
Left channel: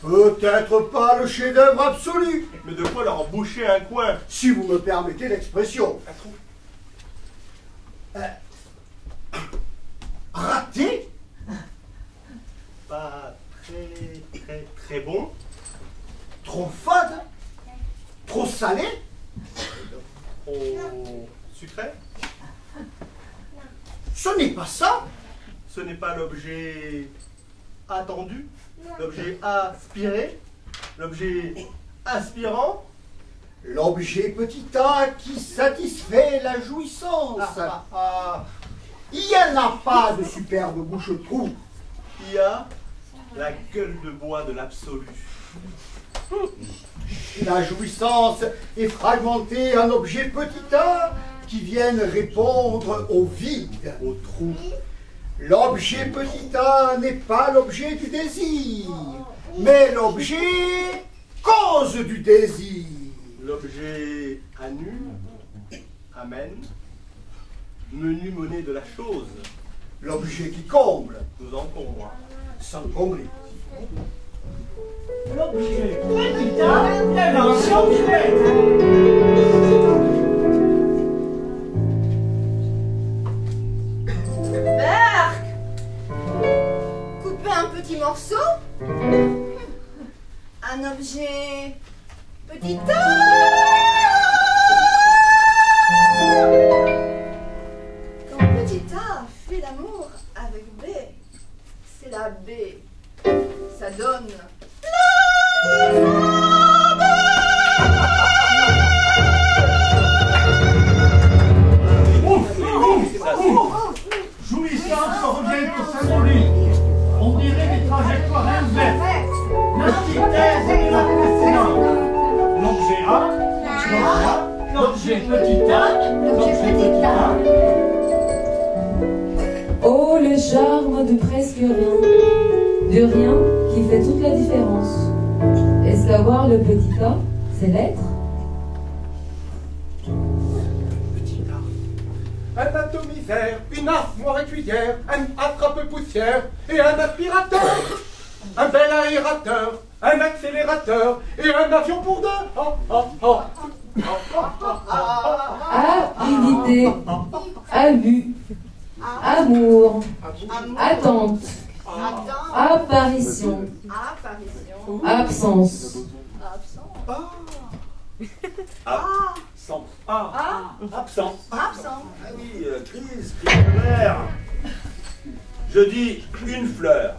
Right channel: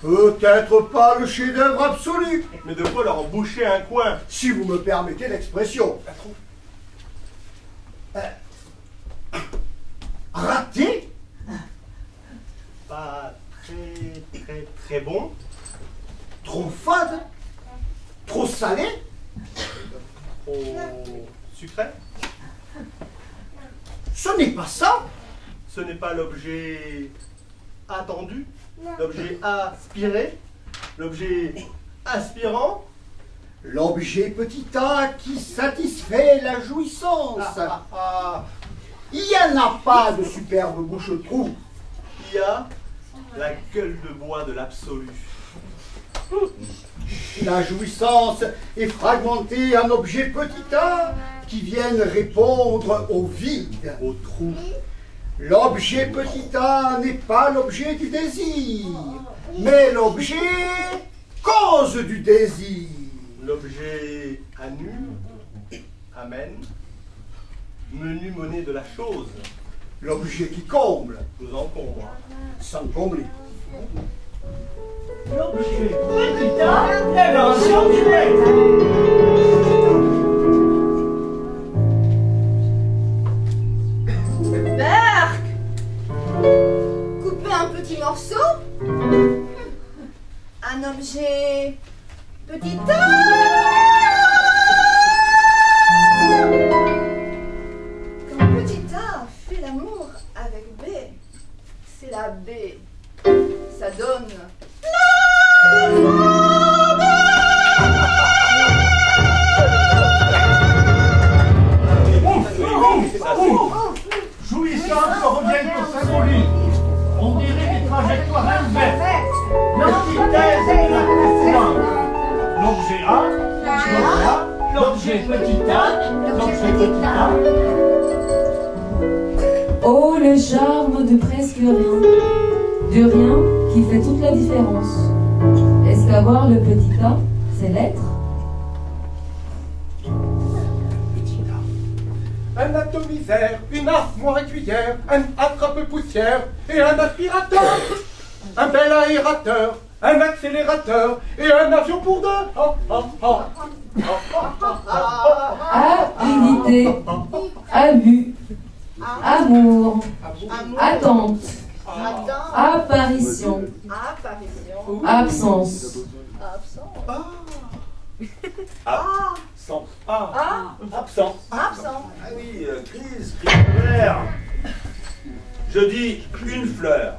Peut-être pas le chef-d'œuvre absolu, Mais de quoi leur boucher un coin? si vous me permettez l'expression. Raté? Pas très bon. Trop fade? Trop salé? Trop sucré. Ce n'est pas ça. Ce n'est pas l'objet attendu, l'objet aspiré, l'objet aspirant. L'objet petit a qui satisfait la jouissance. Il n'y en a pas de superbe bouche-trou. Il y a la gueule de bois de l'absolu. La jouissance est fragmentée en objets petit a qui viennent répondre au vide, Au trou. L'objet petit a n'est pas l'objet du désir, mais l'objet cause du désir. L'objet annule, amène, menu monnaie de la chose, L'objet qui comble, nous encombre. sans combler. L'objet petit a, l'invention du maître. Berck, coupez un petit morceau J'ai petit A. Quand petit A fait l'amour avec B, c'est la B. Ça donne Jouissance revient au symbolique. On dirait des trajectoires inverses. L'antithèse de la précédente. L'objet A, l'objet petit a, l'objet petit a. Oh, le charme de presque rien. Du rien qui fait toute la différence. Est-ce qu'avoir le petit a, c'est l'être? Un atomiseur, une armoire écuyère, un attrape-poussière et un aspirateur. Un bel aérateur, un accélérateur et un avion pour deux. Avidité, abus, amour, attente, apparition, absence. Absent. Absent. absent. Ah oui, crise vert. Je dis une fleur.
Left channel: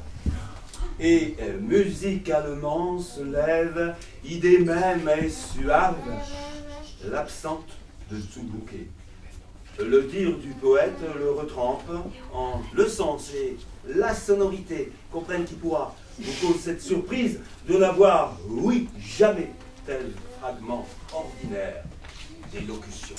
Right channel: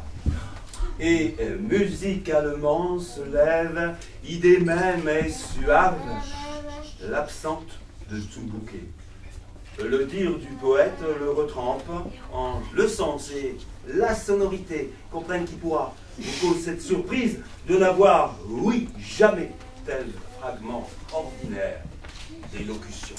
Et musicalement se lève, idée même est suave, l'absente de tout bouquet. Le dire du poète le retrempe en le sens et la sonorité. Comprenne qui pourra nous cause cette surprise de n'avoir, oui, jamais tel fragment ordinaire d'élocution.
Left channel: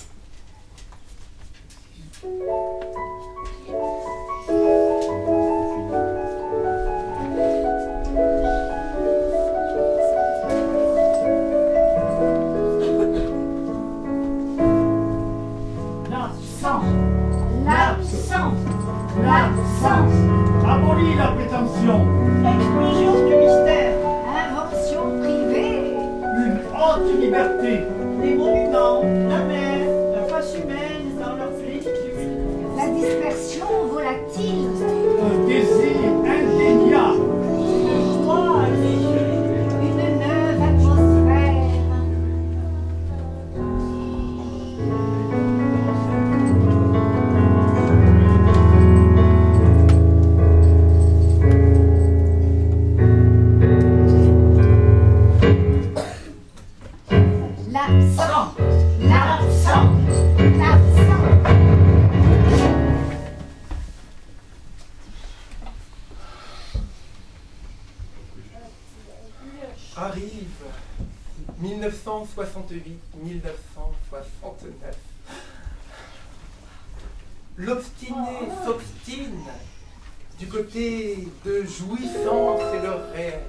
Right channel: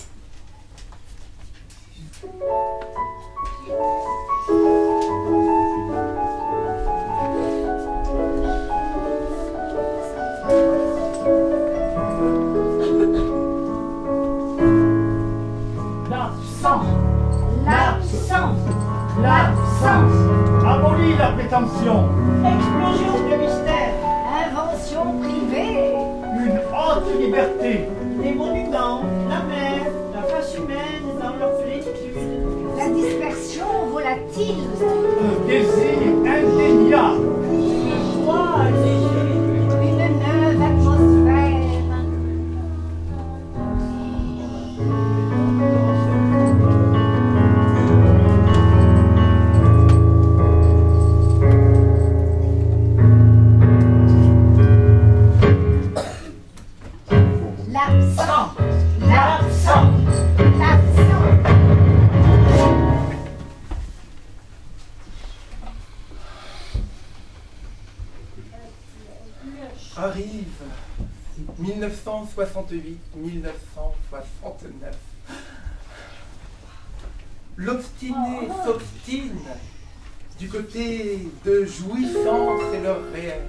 L'absence. Abolis la prétention. Explosion du mystère. Invention privée. Une haute liberté. Les monuments, la mer, la face humaine dans leur plénitude. La dispersion volatile. Un désir indéniable. Le froid léger. Une neuve atmosphère. Arrive 1968-1969. L'obstiné s'obstine du côté de jouissance et leur réel.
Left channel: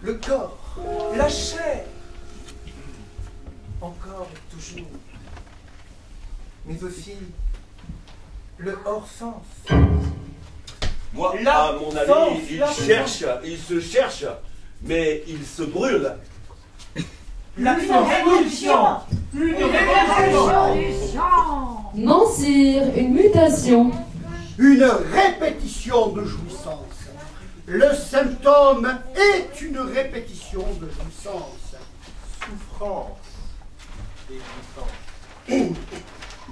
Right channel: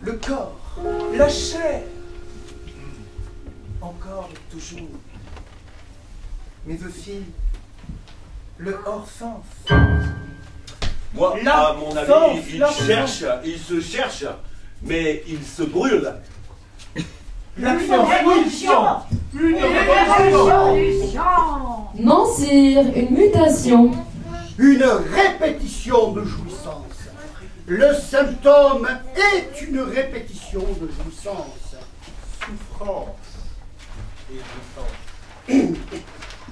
Le corps, la chair, encore et toujours, mais aussi le hors-sens. Moi, à mon avis, il se cherche, mais il se brûle. Une révolution. Une révolution. Non, sire, une mutation. Une répétition de jouissance. Le symptôme est une répétition de jouissance. Souffrance et jouissance.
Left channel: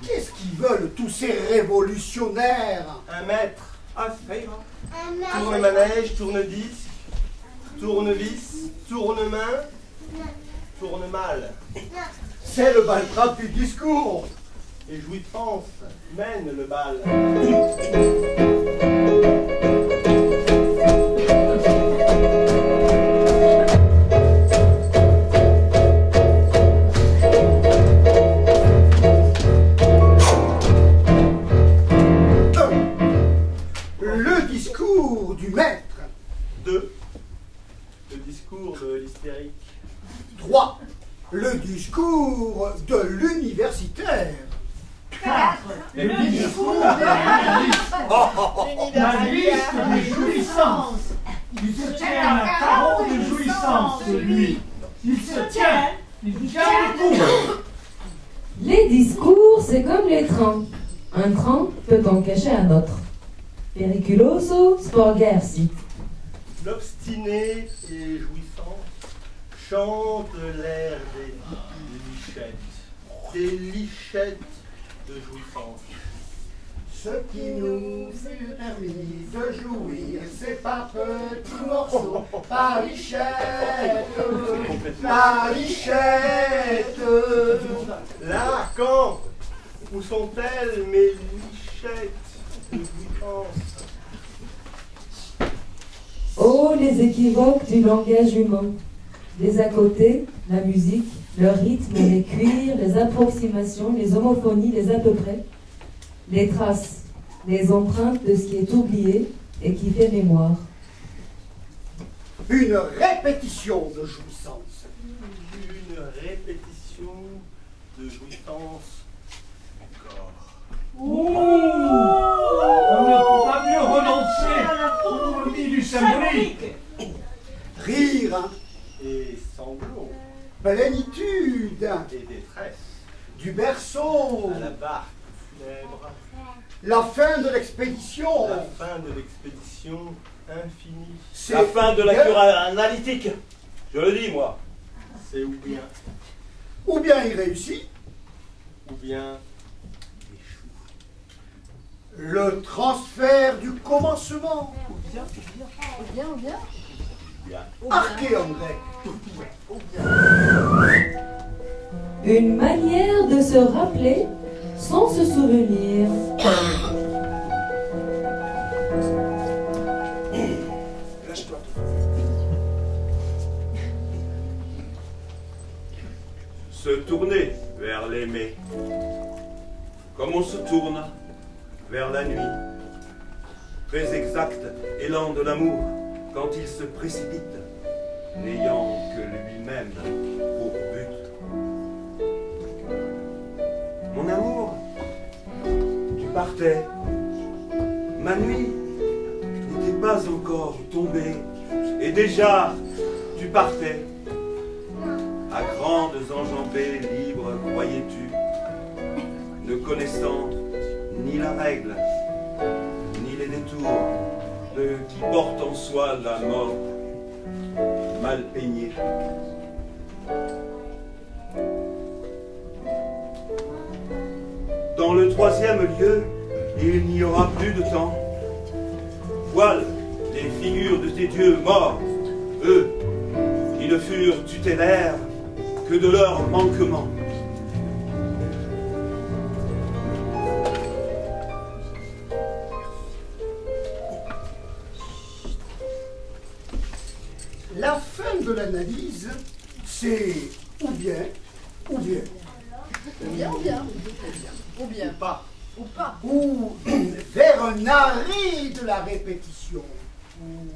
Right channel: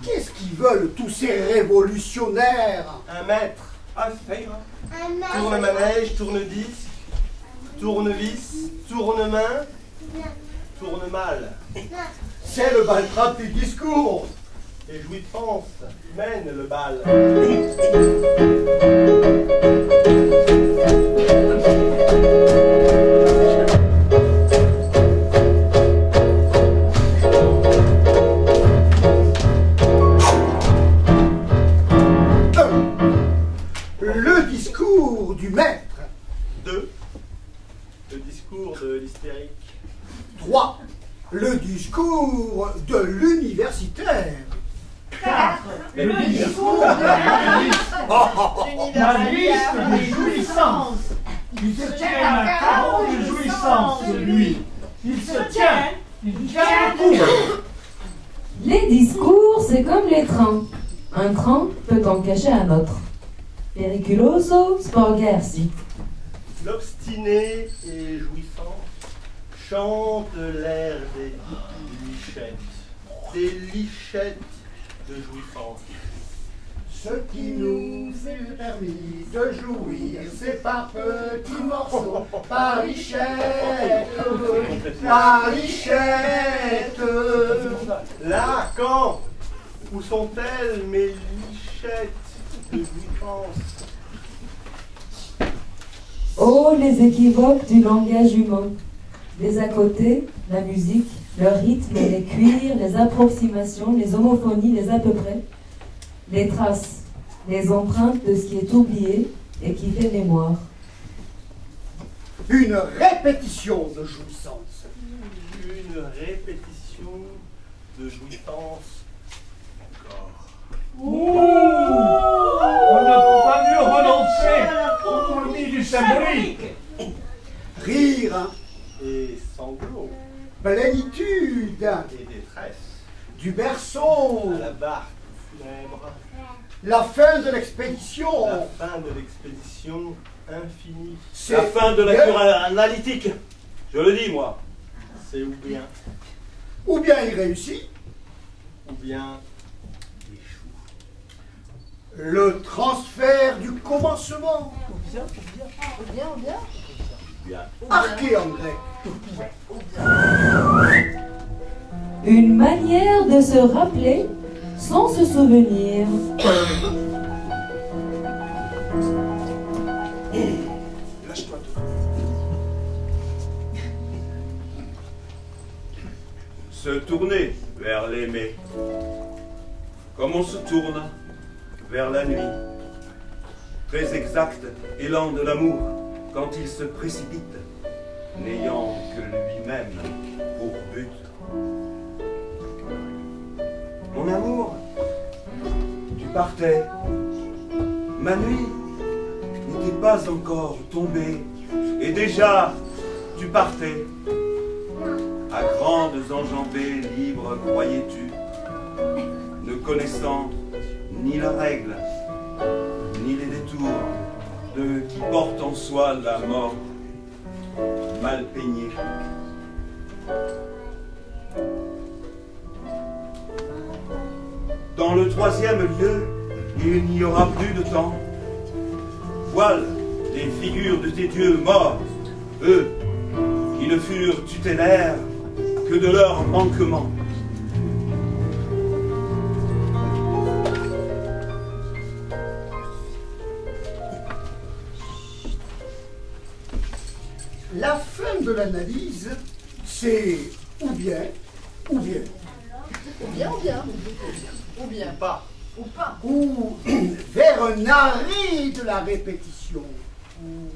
Qu'est-ce qu'ils veulent tous ces révolutionnaires? Un maître. Ah, ça ira. Tourne-manège, tourne-disque, tournevis, tourne-main, tourne-mal. C'est le baltrap du discours. Et jouissance mène le bal. Le discours du maître. 2. Le discours de l'hystérique. 3. Le discours de l'universitaire. 4. Le discours de la liste de jouissance. Il se tient un carreau de jouissance, lui. Il se tient. Il tient le coup. Les discours, c'est comme les trains. Un train peut en cacher un autre. Periculoso sporgersi. L'obstiné et jouissance chante l'air des lichettes de jouissance. Ce qui nous est permis de jouir, c'est par petits morceaux, par lichette, par lichette. Là, quand? Où sont-elles, mes lichettes de jouissance? Oh, les équivoques du langage humain. Les à côté, la musique, le rythme, les cuirs, les approximations, les homophonies, les à peu près. Les traces, les empreintes de ce qui est oublié et qui fait mémoire. Une répétition de jouissance. Une répétition de jouissance du corps. On ne peut pas mieux renoncer au lit du symbolique. Rire, Et sanglots plénitude, et détresse. du berceau, À la barque funèbre. la fin de l'expédition. La fin de l'expédition infinie. C'est La fin de la cure analytique. Je le dis, moi. C'est ou bien il réussit, échoue. le transfert du commencement. Bien. Arché en grec. Une manière de se rappeler sans se souvenir. Lâche-toi. Se tourner vers l'aimé, comme on se tourne vers la nuit. Très exact élan de l'amour quand il se précipite, n'ayant que lui-même pour but. Mon amour, tu partais, ma nuit n'était pas encore tombée, et déjà tu partais. À grandes enjambées libres, croyais-tu, ne connaissant ni la règle, ni les détours de qui porte en soi la mort, mal peignée. Dans le troisième lieu, il n'y aura plus de temps. Voile les figures de tes dieux morts, eux qui ne furent tutélaires que de leur manquement. La fin de l'analyse, c'est ou bien, Ou Pas. ou vers un arrêt de la répétition. Ou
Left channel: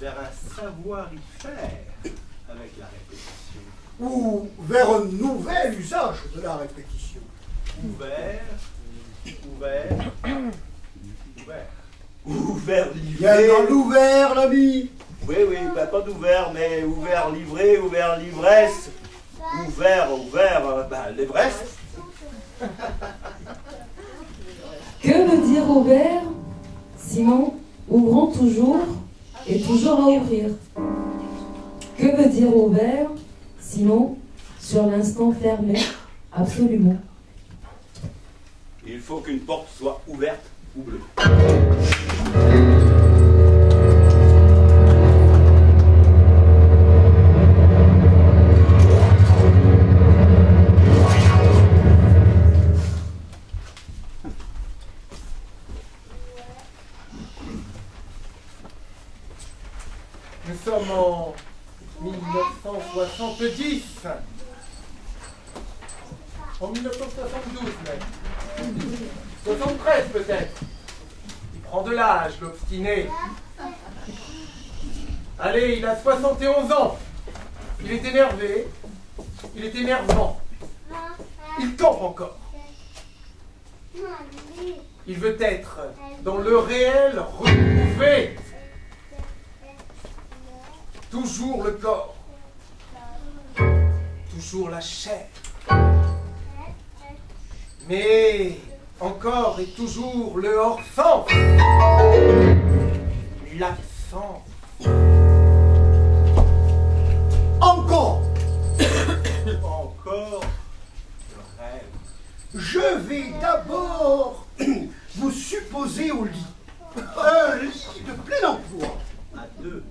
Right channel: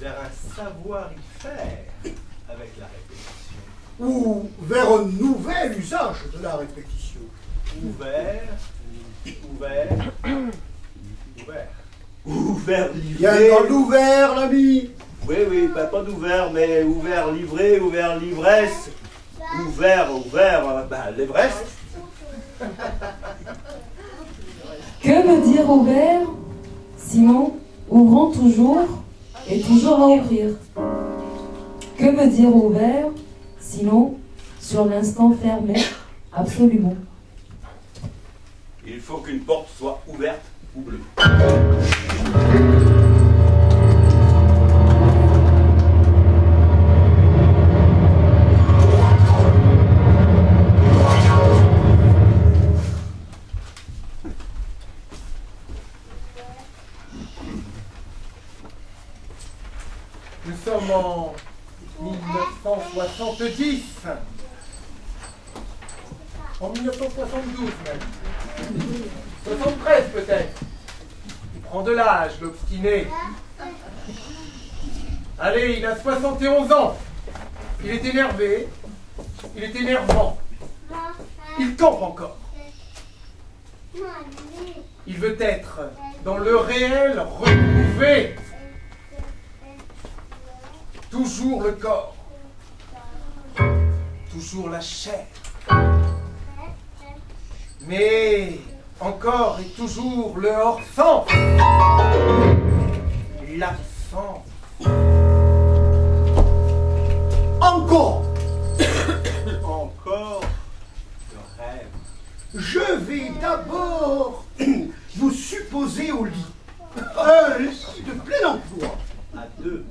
vers un savoir-y-faire avec la répétition. Ou vers un nouvel usage de la répétition. Ouvert. Ouvert, Bien livré. dans l'ouvert, l'ami. Oui, pas d'ouvert, mais ouvert, livré, ouvert, l'ivresse. Ouvert, l'Everest. Que veut dire ouvert? Sinon, ouvrant toujours et toujours à ouvrir. Que veut dire ouvert? Sinon, sur l'instant fermé, absolument. Il faut qu'une porte soit ouverte ou bleue. Nous sommes en 1970. En 1972 même. 73 peut-être. Il prend de l'âge, l'obstiné. Allez, il a 71 ans. Il est énervé. Il est énervant. Il campe encore. Il veut être dans le réel retrouvé. Toujours le corps. Toujours la chair. Mais encore et toujours le hors-sens. L'absence. En devez d'abord vous supposer au lit. Un lit de plein emploi. À deux.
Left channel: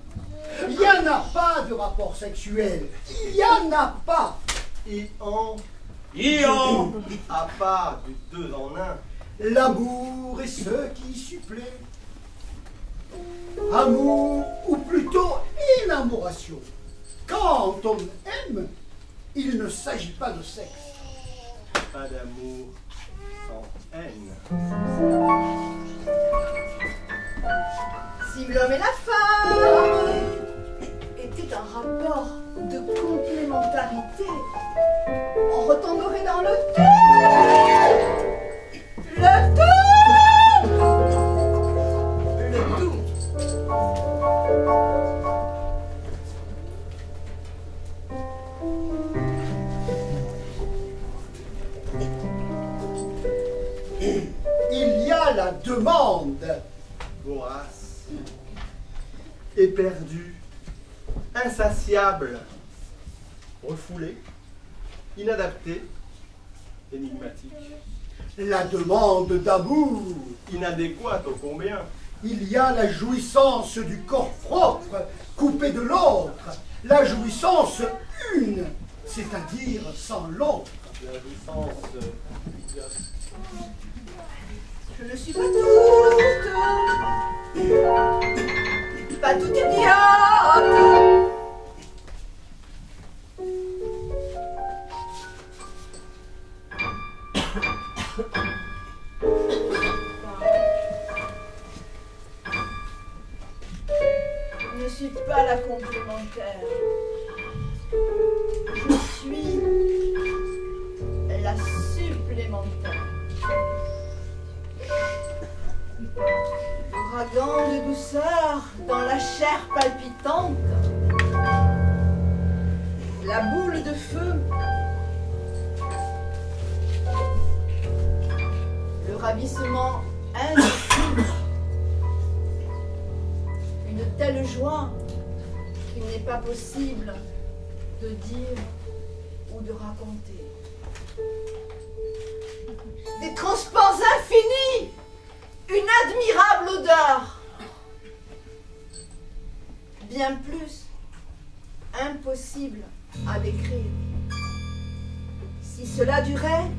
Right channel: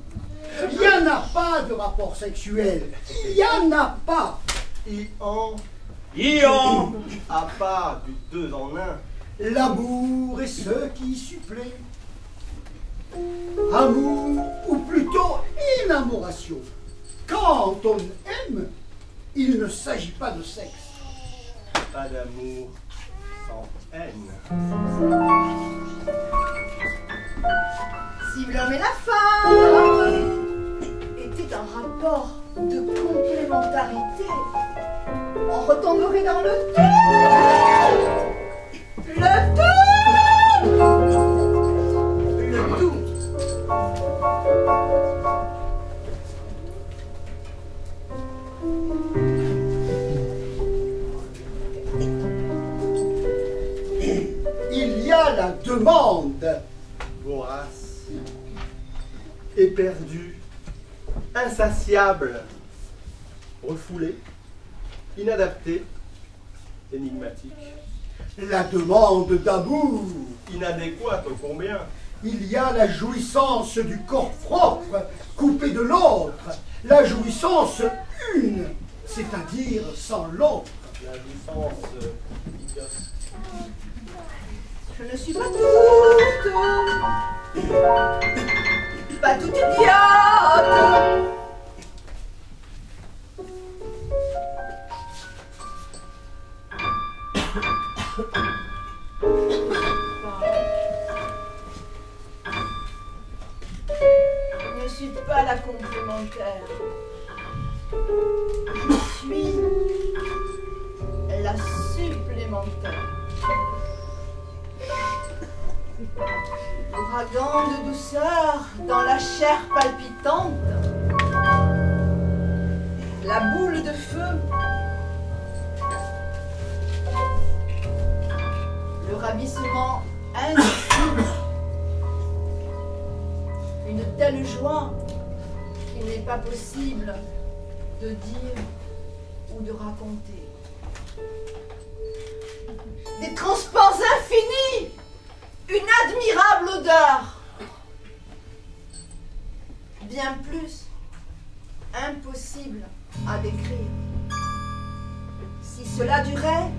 Il n'y en a pas de rapport sexuel. Il n'y en a pas. Ian. À part du deux en un. L'amour est ce qui supplée. Amour, ou plutôt énamoration. Quand on aime, il ne s'agit pas de sexe. Pas d'amour sans haine. Si l'homme et la femme étaient un rapport de complémentarité, on retomberait dans le tout. Le tout. Il y a la demande. Vorace, éperdue, insatiable, refoulée, inadaptée, énigmatique, La demande d'amour. inadéquate au combien. Il y a la jouissance du corps propre, coupé de l'autre. La jouissance une, c'est-à-dire sans l'autre. La jouissance Je ne suis pas toute idiote. Je ne suis pas la complémentaire. Je suis la supplémentaire. L'ouragan de douceur dans la chair palpitante. La boule de feu. Le ravissement indicible. Une telle joie qu'il n'est pas possible de dire ou de raconter. Des transports infinis. Une admirable odeur. Bien plus impossible à décrire. Si cela durait,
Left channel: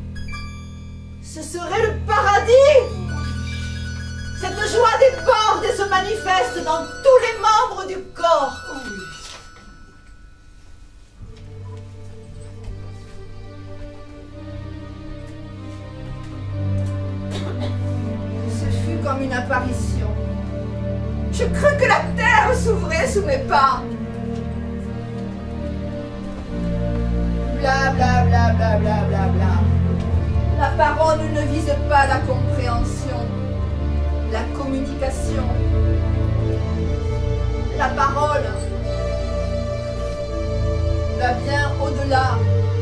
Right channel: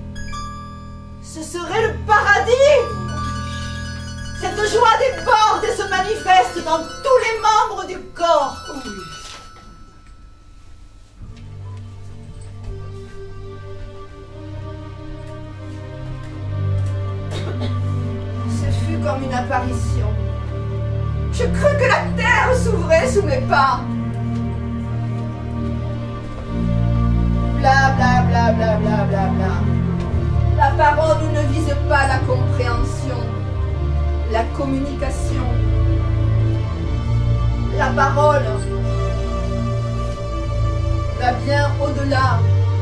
ce serait le paradis. Cette joie déborde et se manifeste dans tous les membres du corps. Comme une apparition. Je crus que la terre s'ouvrait sous mes pas. Bla bla bla bla bla bla bla. La parole ne vise pas la compréhension, la communication. La parole va bien au-delà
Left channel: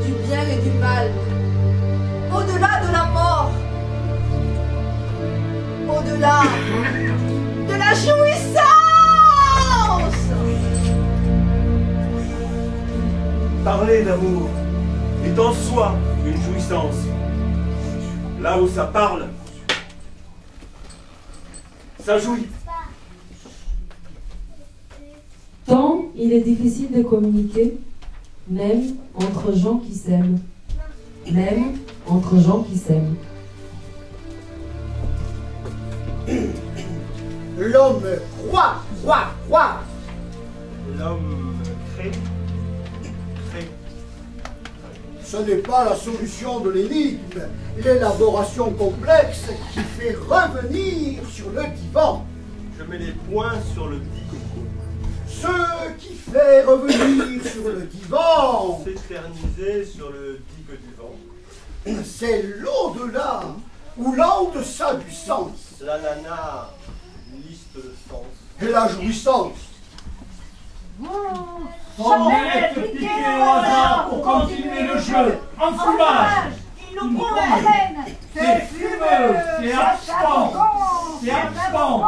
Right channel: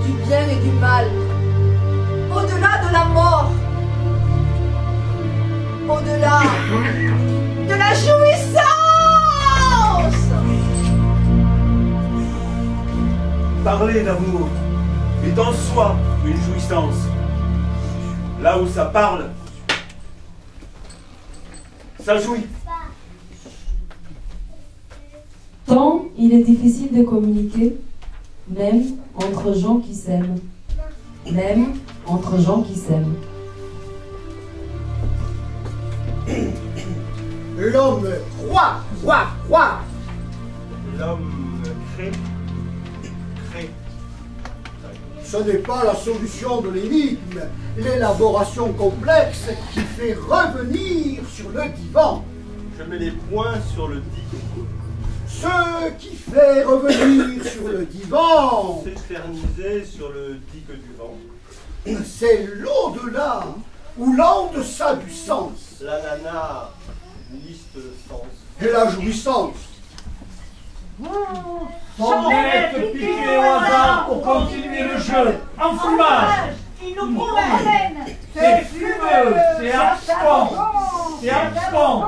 du bien et du mal, au-delà de la mort. Au-delà de la jouissance. Parler d'amour est en soi une jouissance. Là où ça parle, ça jouit. Tant il est difficile de communiquer, même entre gens qui s'aiment. Même entre gens qui s'aiment. L'homme croit. L'homme crée. Ce n'est pas la solution de l'énigme, l'élaboration complexe qui fait revenir sur le divan. Je mets les points sur le dit. Ce qui fait revenir sur le divan, S'éterniser sur le digue du vent. c'est l'au-delà ou l'en-deçà du sens. L'ananas, liste de sens. Et la jouissance. Formette piquée au hasard pour continuer le jeu. Enfumage. Il nous promène. C'est fumeux. C'est absent. C'est absent.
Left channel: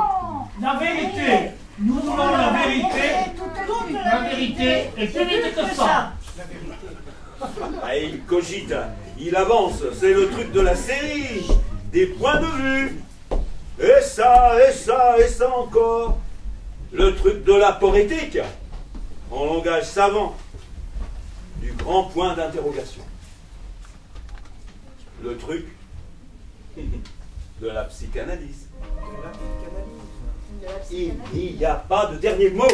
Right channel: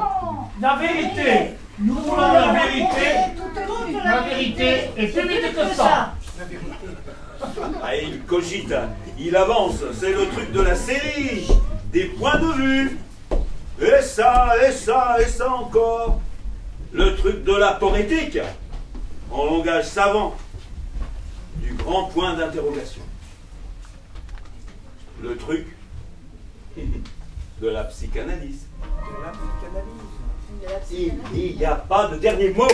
La vérité. Nous voulons la vérité. La vérité est plus vite que ça. La vérité. Ah, il cogite, il avance, c'est le truc de la série, des points de vue. Et ça, et ça, et ça encore. Le truc de la poétique, en langage savant, du grand point d'interrogation. Le truc de la psychanalyse. De la psychanalyse. Il n'y a pas de dernier mot.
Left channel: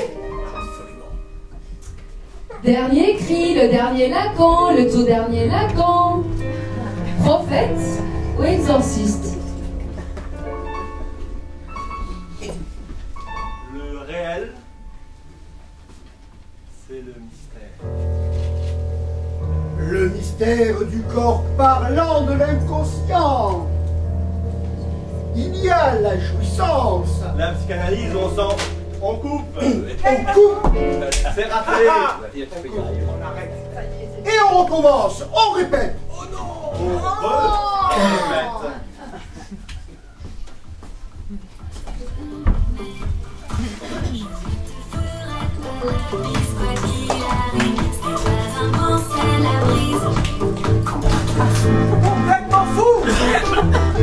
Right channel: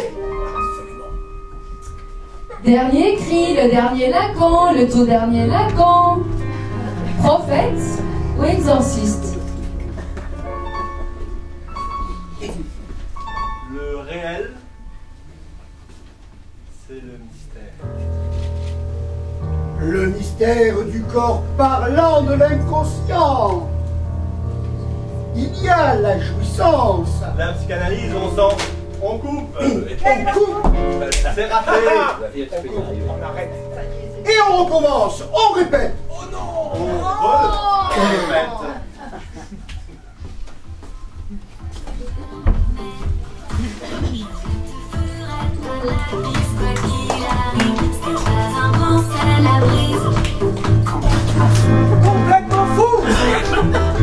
Dernier cri, le dernier Lacan, le tout dernier Lacan. Prophète ou exorciste? Le réel, c'est le mystère. Le mystère du corps parlant de l'inconscient. Il y a la jouissance. La psychanalyse, on coupe. On coupe C'est raté. On arrête. et on recommence, on répète. Oh non. On répète. Complètement fou. Complètement fou.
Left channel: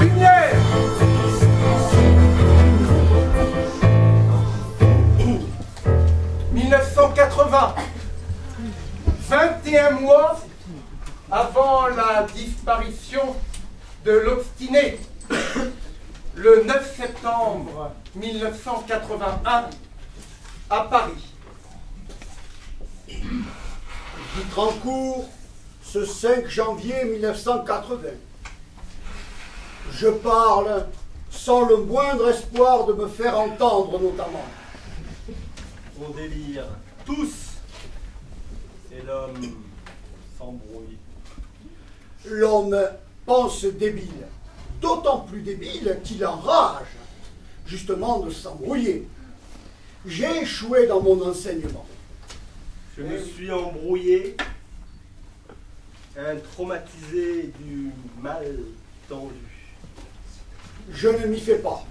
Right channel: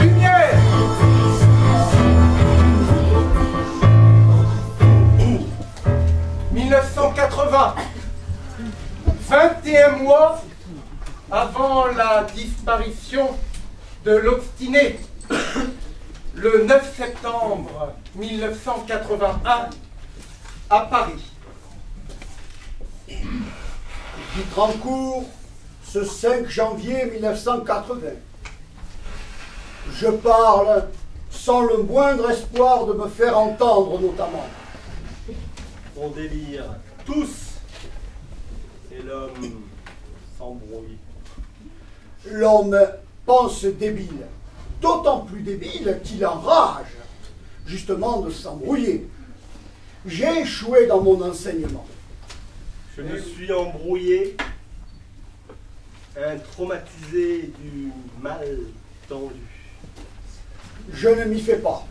Lumière. 1980, 21 mois avant la disparition de l'obstiné, le 9 septembre 1981, à Paris. Bitrancourt, ce 5 janvier 1980. Je parle sans le moindre espoir de me faire entendre notamment. On délire tous. Et l'homme s'embrouille. L'homme pense débile, d'autant plus débile qu'il enrage, justement, de s'embrouiller. J'ai échoué dans mon enseignement. Je me suis embrouillé, un traumatisé du mal tendu. Je ne m'y fais pas.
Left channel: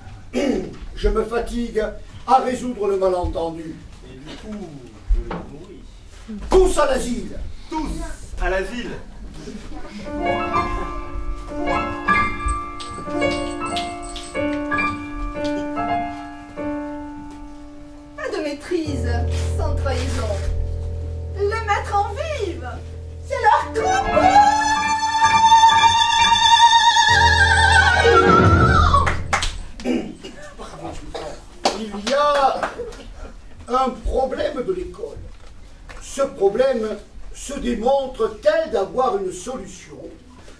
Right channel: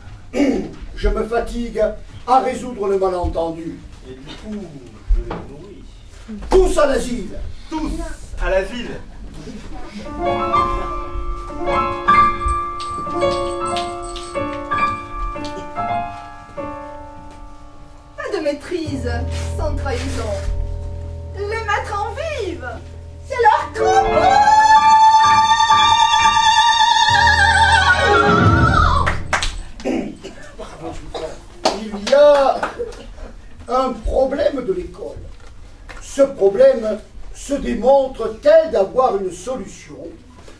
Je me fatigue à résoudre le malentendu. Et du coup, je les nourris. Tous à l'asile. Tous à l'asile. Pas de maîtrise, sans trahison. Les mettre en vive, c'est leur combat. Il y a un problème de l'école. Ce problème se démontre tel d'avoir une solution.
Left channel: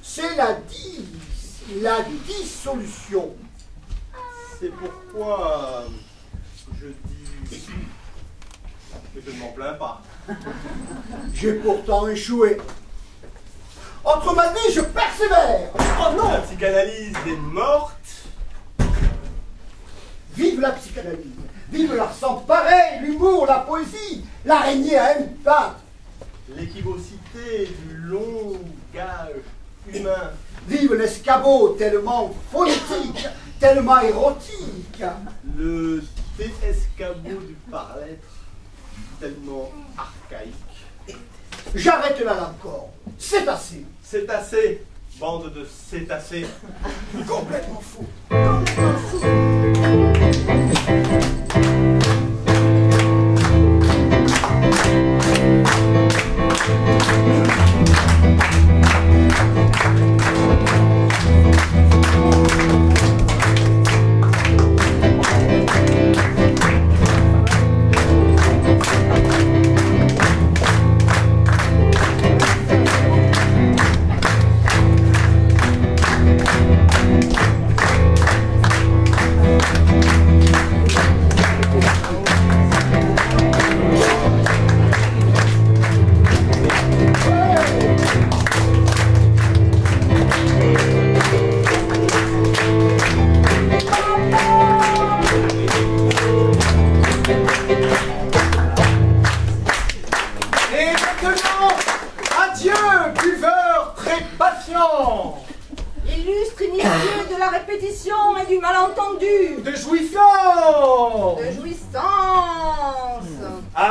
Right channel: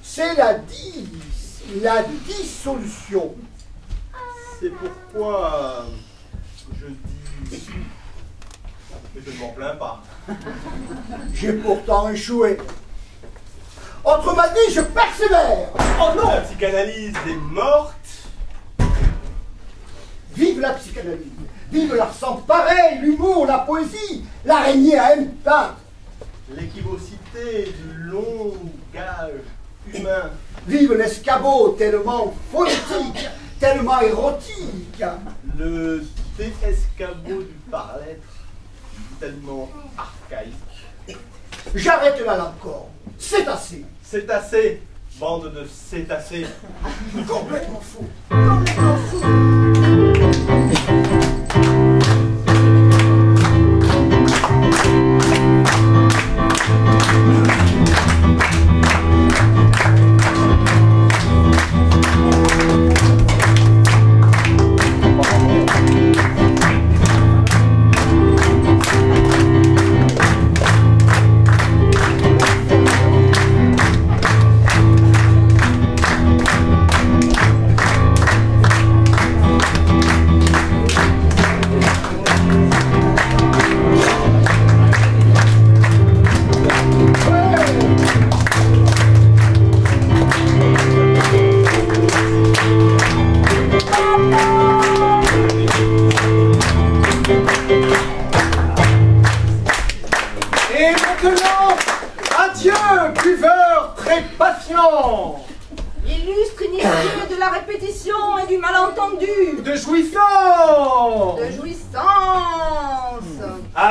C'est la dissolution. C'est pourquoi je dis... Mais je ne m'en plains pas. J'ai pourtant échoué. Autrement dit, je persévère. Oh non! La psychanalyse est morte. Vive la psychanalyse, vive l'art sans pareil, l'humour, la poésie, l'araignée à impact. L'équivocité du langage humain. Vive l'escabeau tellement phonétique, tellement érotique. Le désescabeau du par-l'être, tellement archaïque. J'arrête là encore. C'est assez. C'est assez, bande de cétacés. Complètement fou. Complètement fou.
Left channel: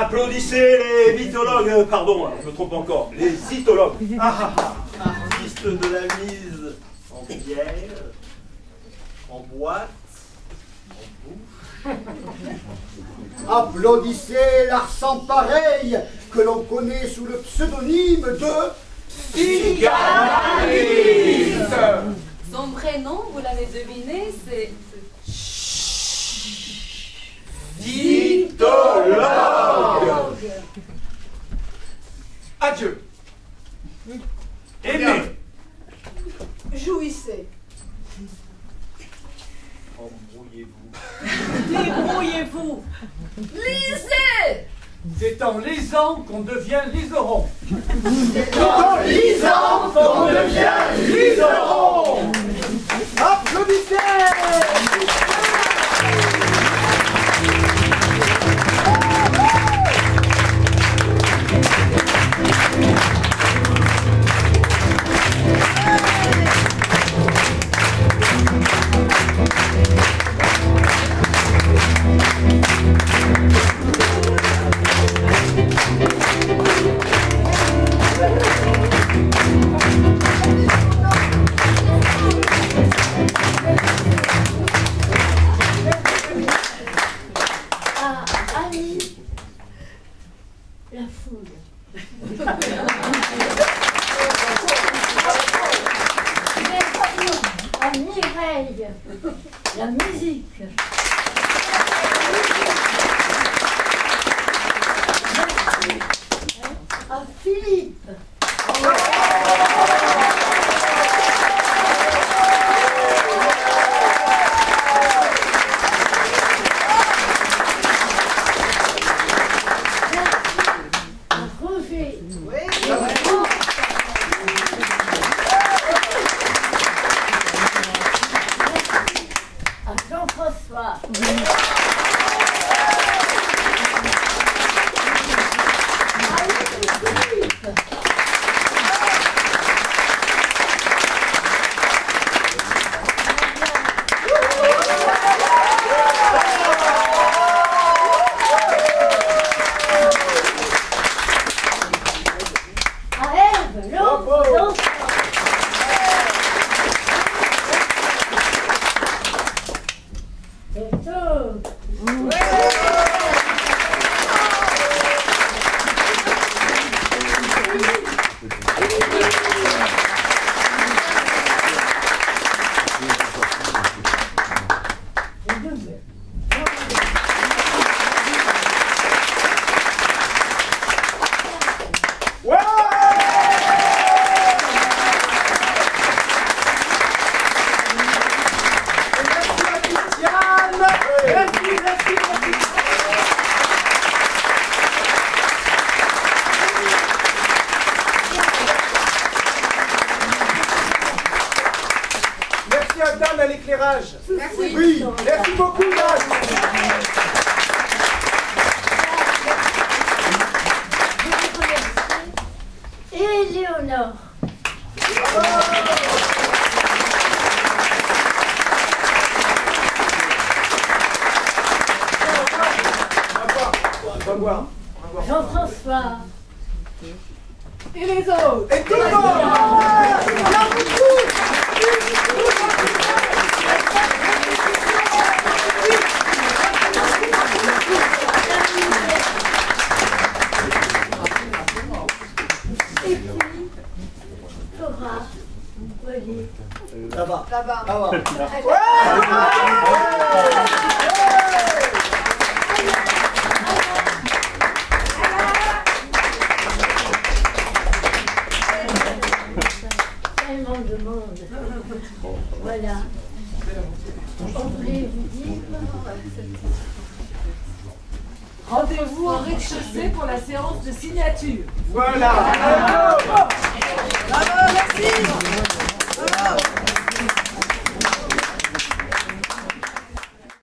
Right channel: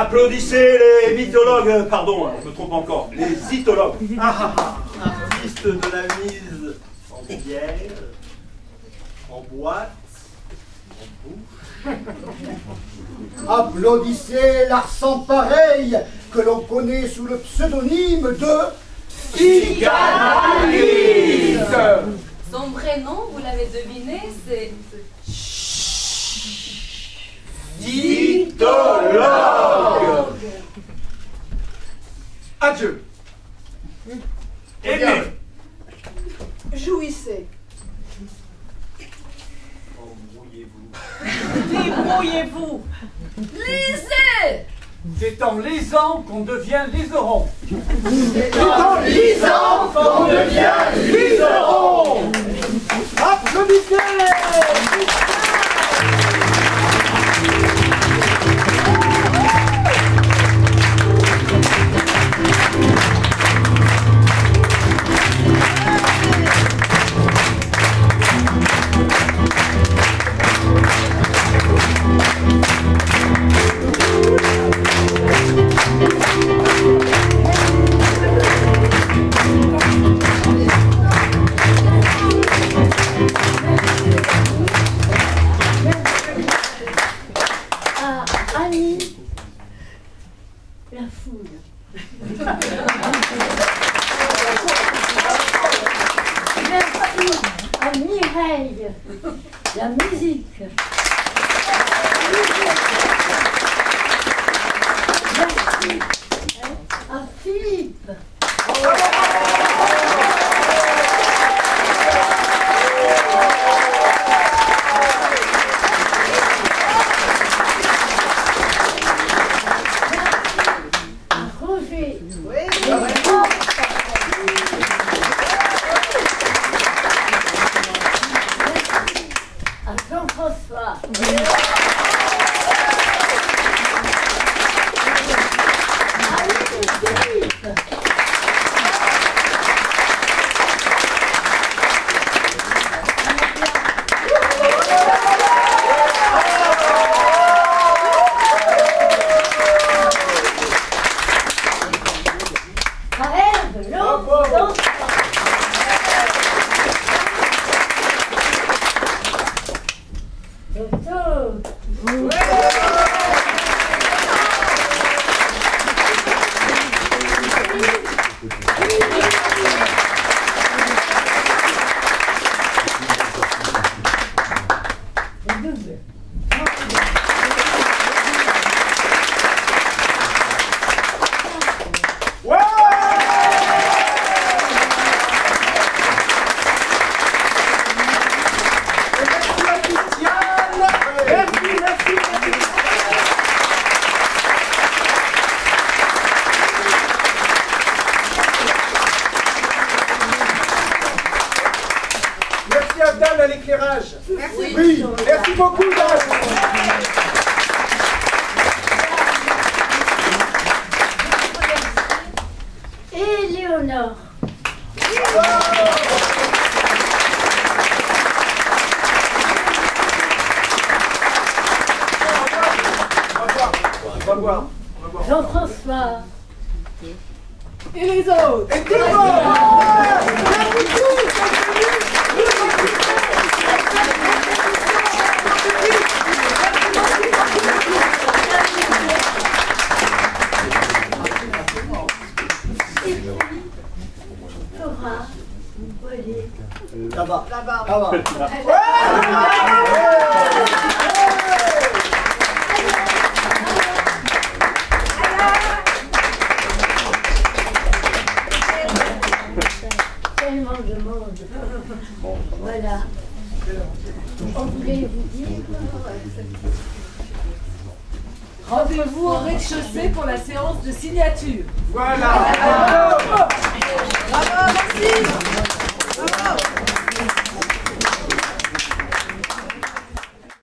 Applaudissez les mythologues, pardon, je me trompe encore, les cytologues. Artistes de la mise en bière, en boîte, en bouffe. Applaudissez l'art sans pareil que l'on connaît sous le pseudonyme de psychanalyse. Son prénom, vous l'avez deviné, c'est... Cytologue. Adieu. Aimez. Jouissez. Embrouillez-vous. Débrouillez-vous. Lisez. C'est en lisant qu'on devient liseron. C'est en lisant qu'on devient liseron. Applaudissez. Annie, la foule. Merci à Mireille, la musique. Merci à Philippe. Jean-François. Dan à l'éclairage. Merci. Oui, merci beaucoup Dan. Et Léonore. On va voir. Jean-François. Et les autres. Et tout le monde. Bien beaucoup. Cora. Olivier. Là-bas. Là-bas. Là-bas. Tellement de monde. Voilà. On voulait vous dire. Rendez-vous au rez-de-chaussée pour la séance de signature. Voilà. Bravo, merci. Bravo.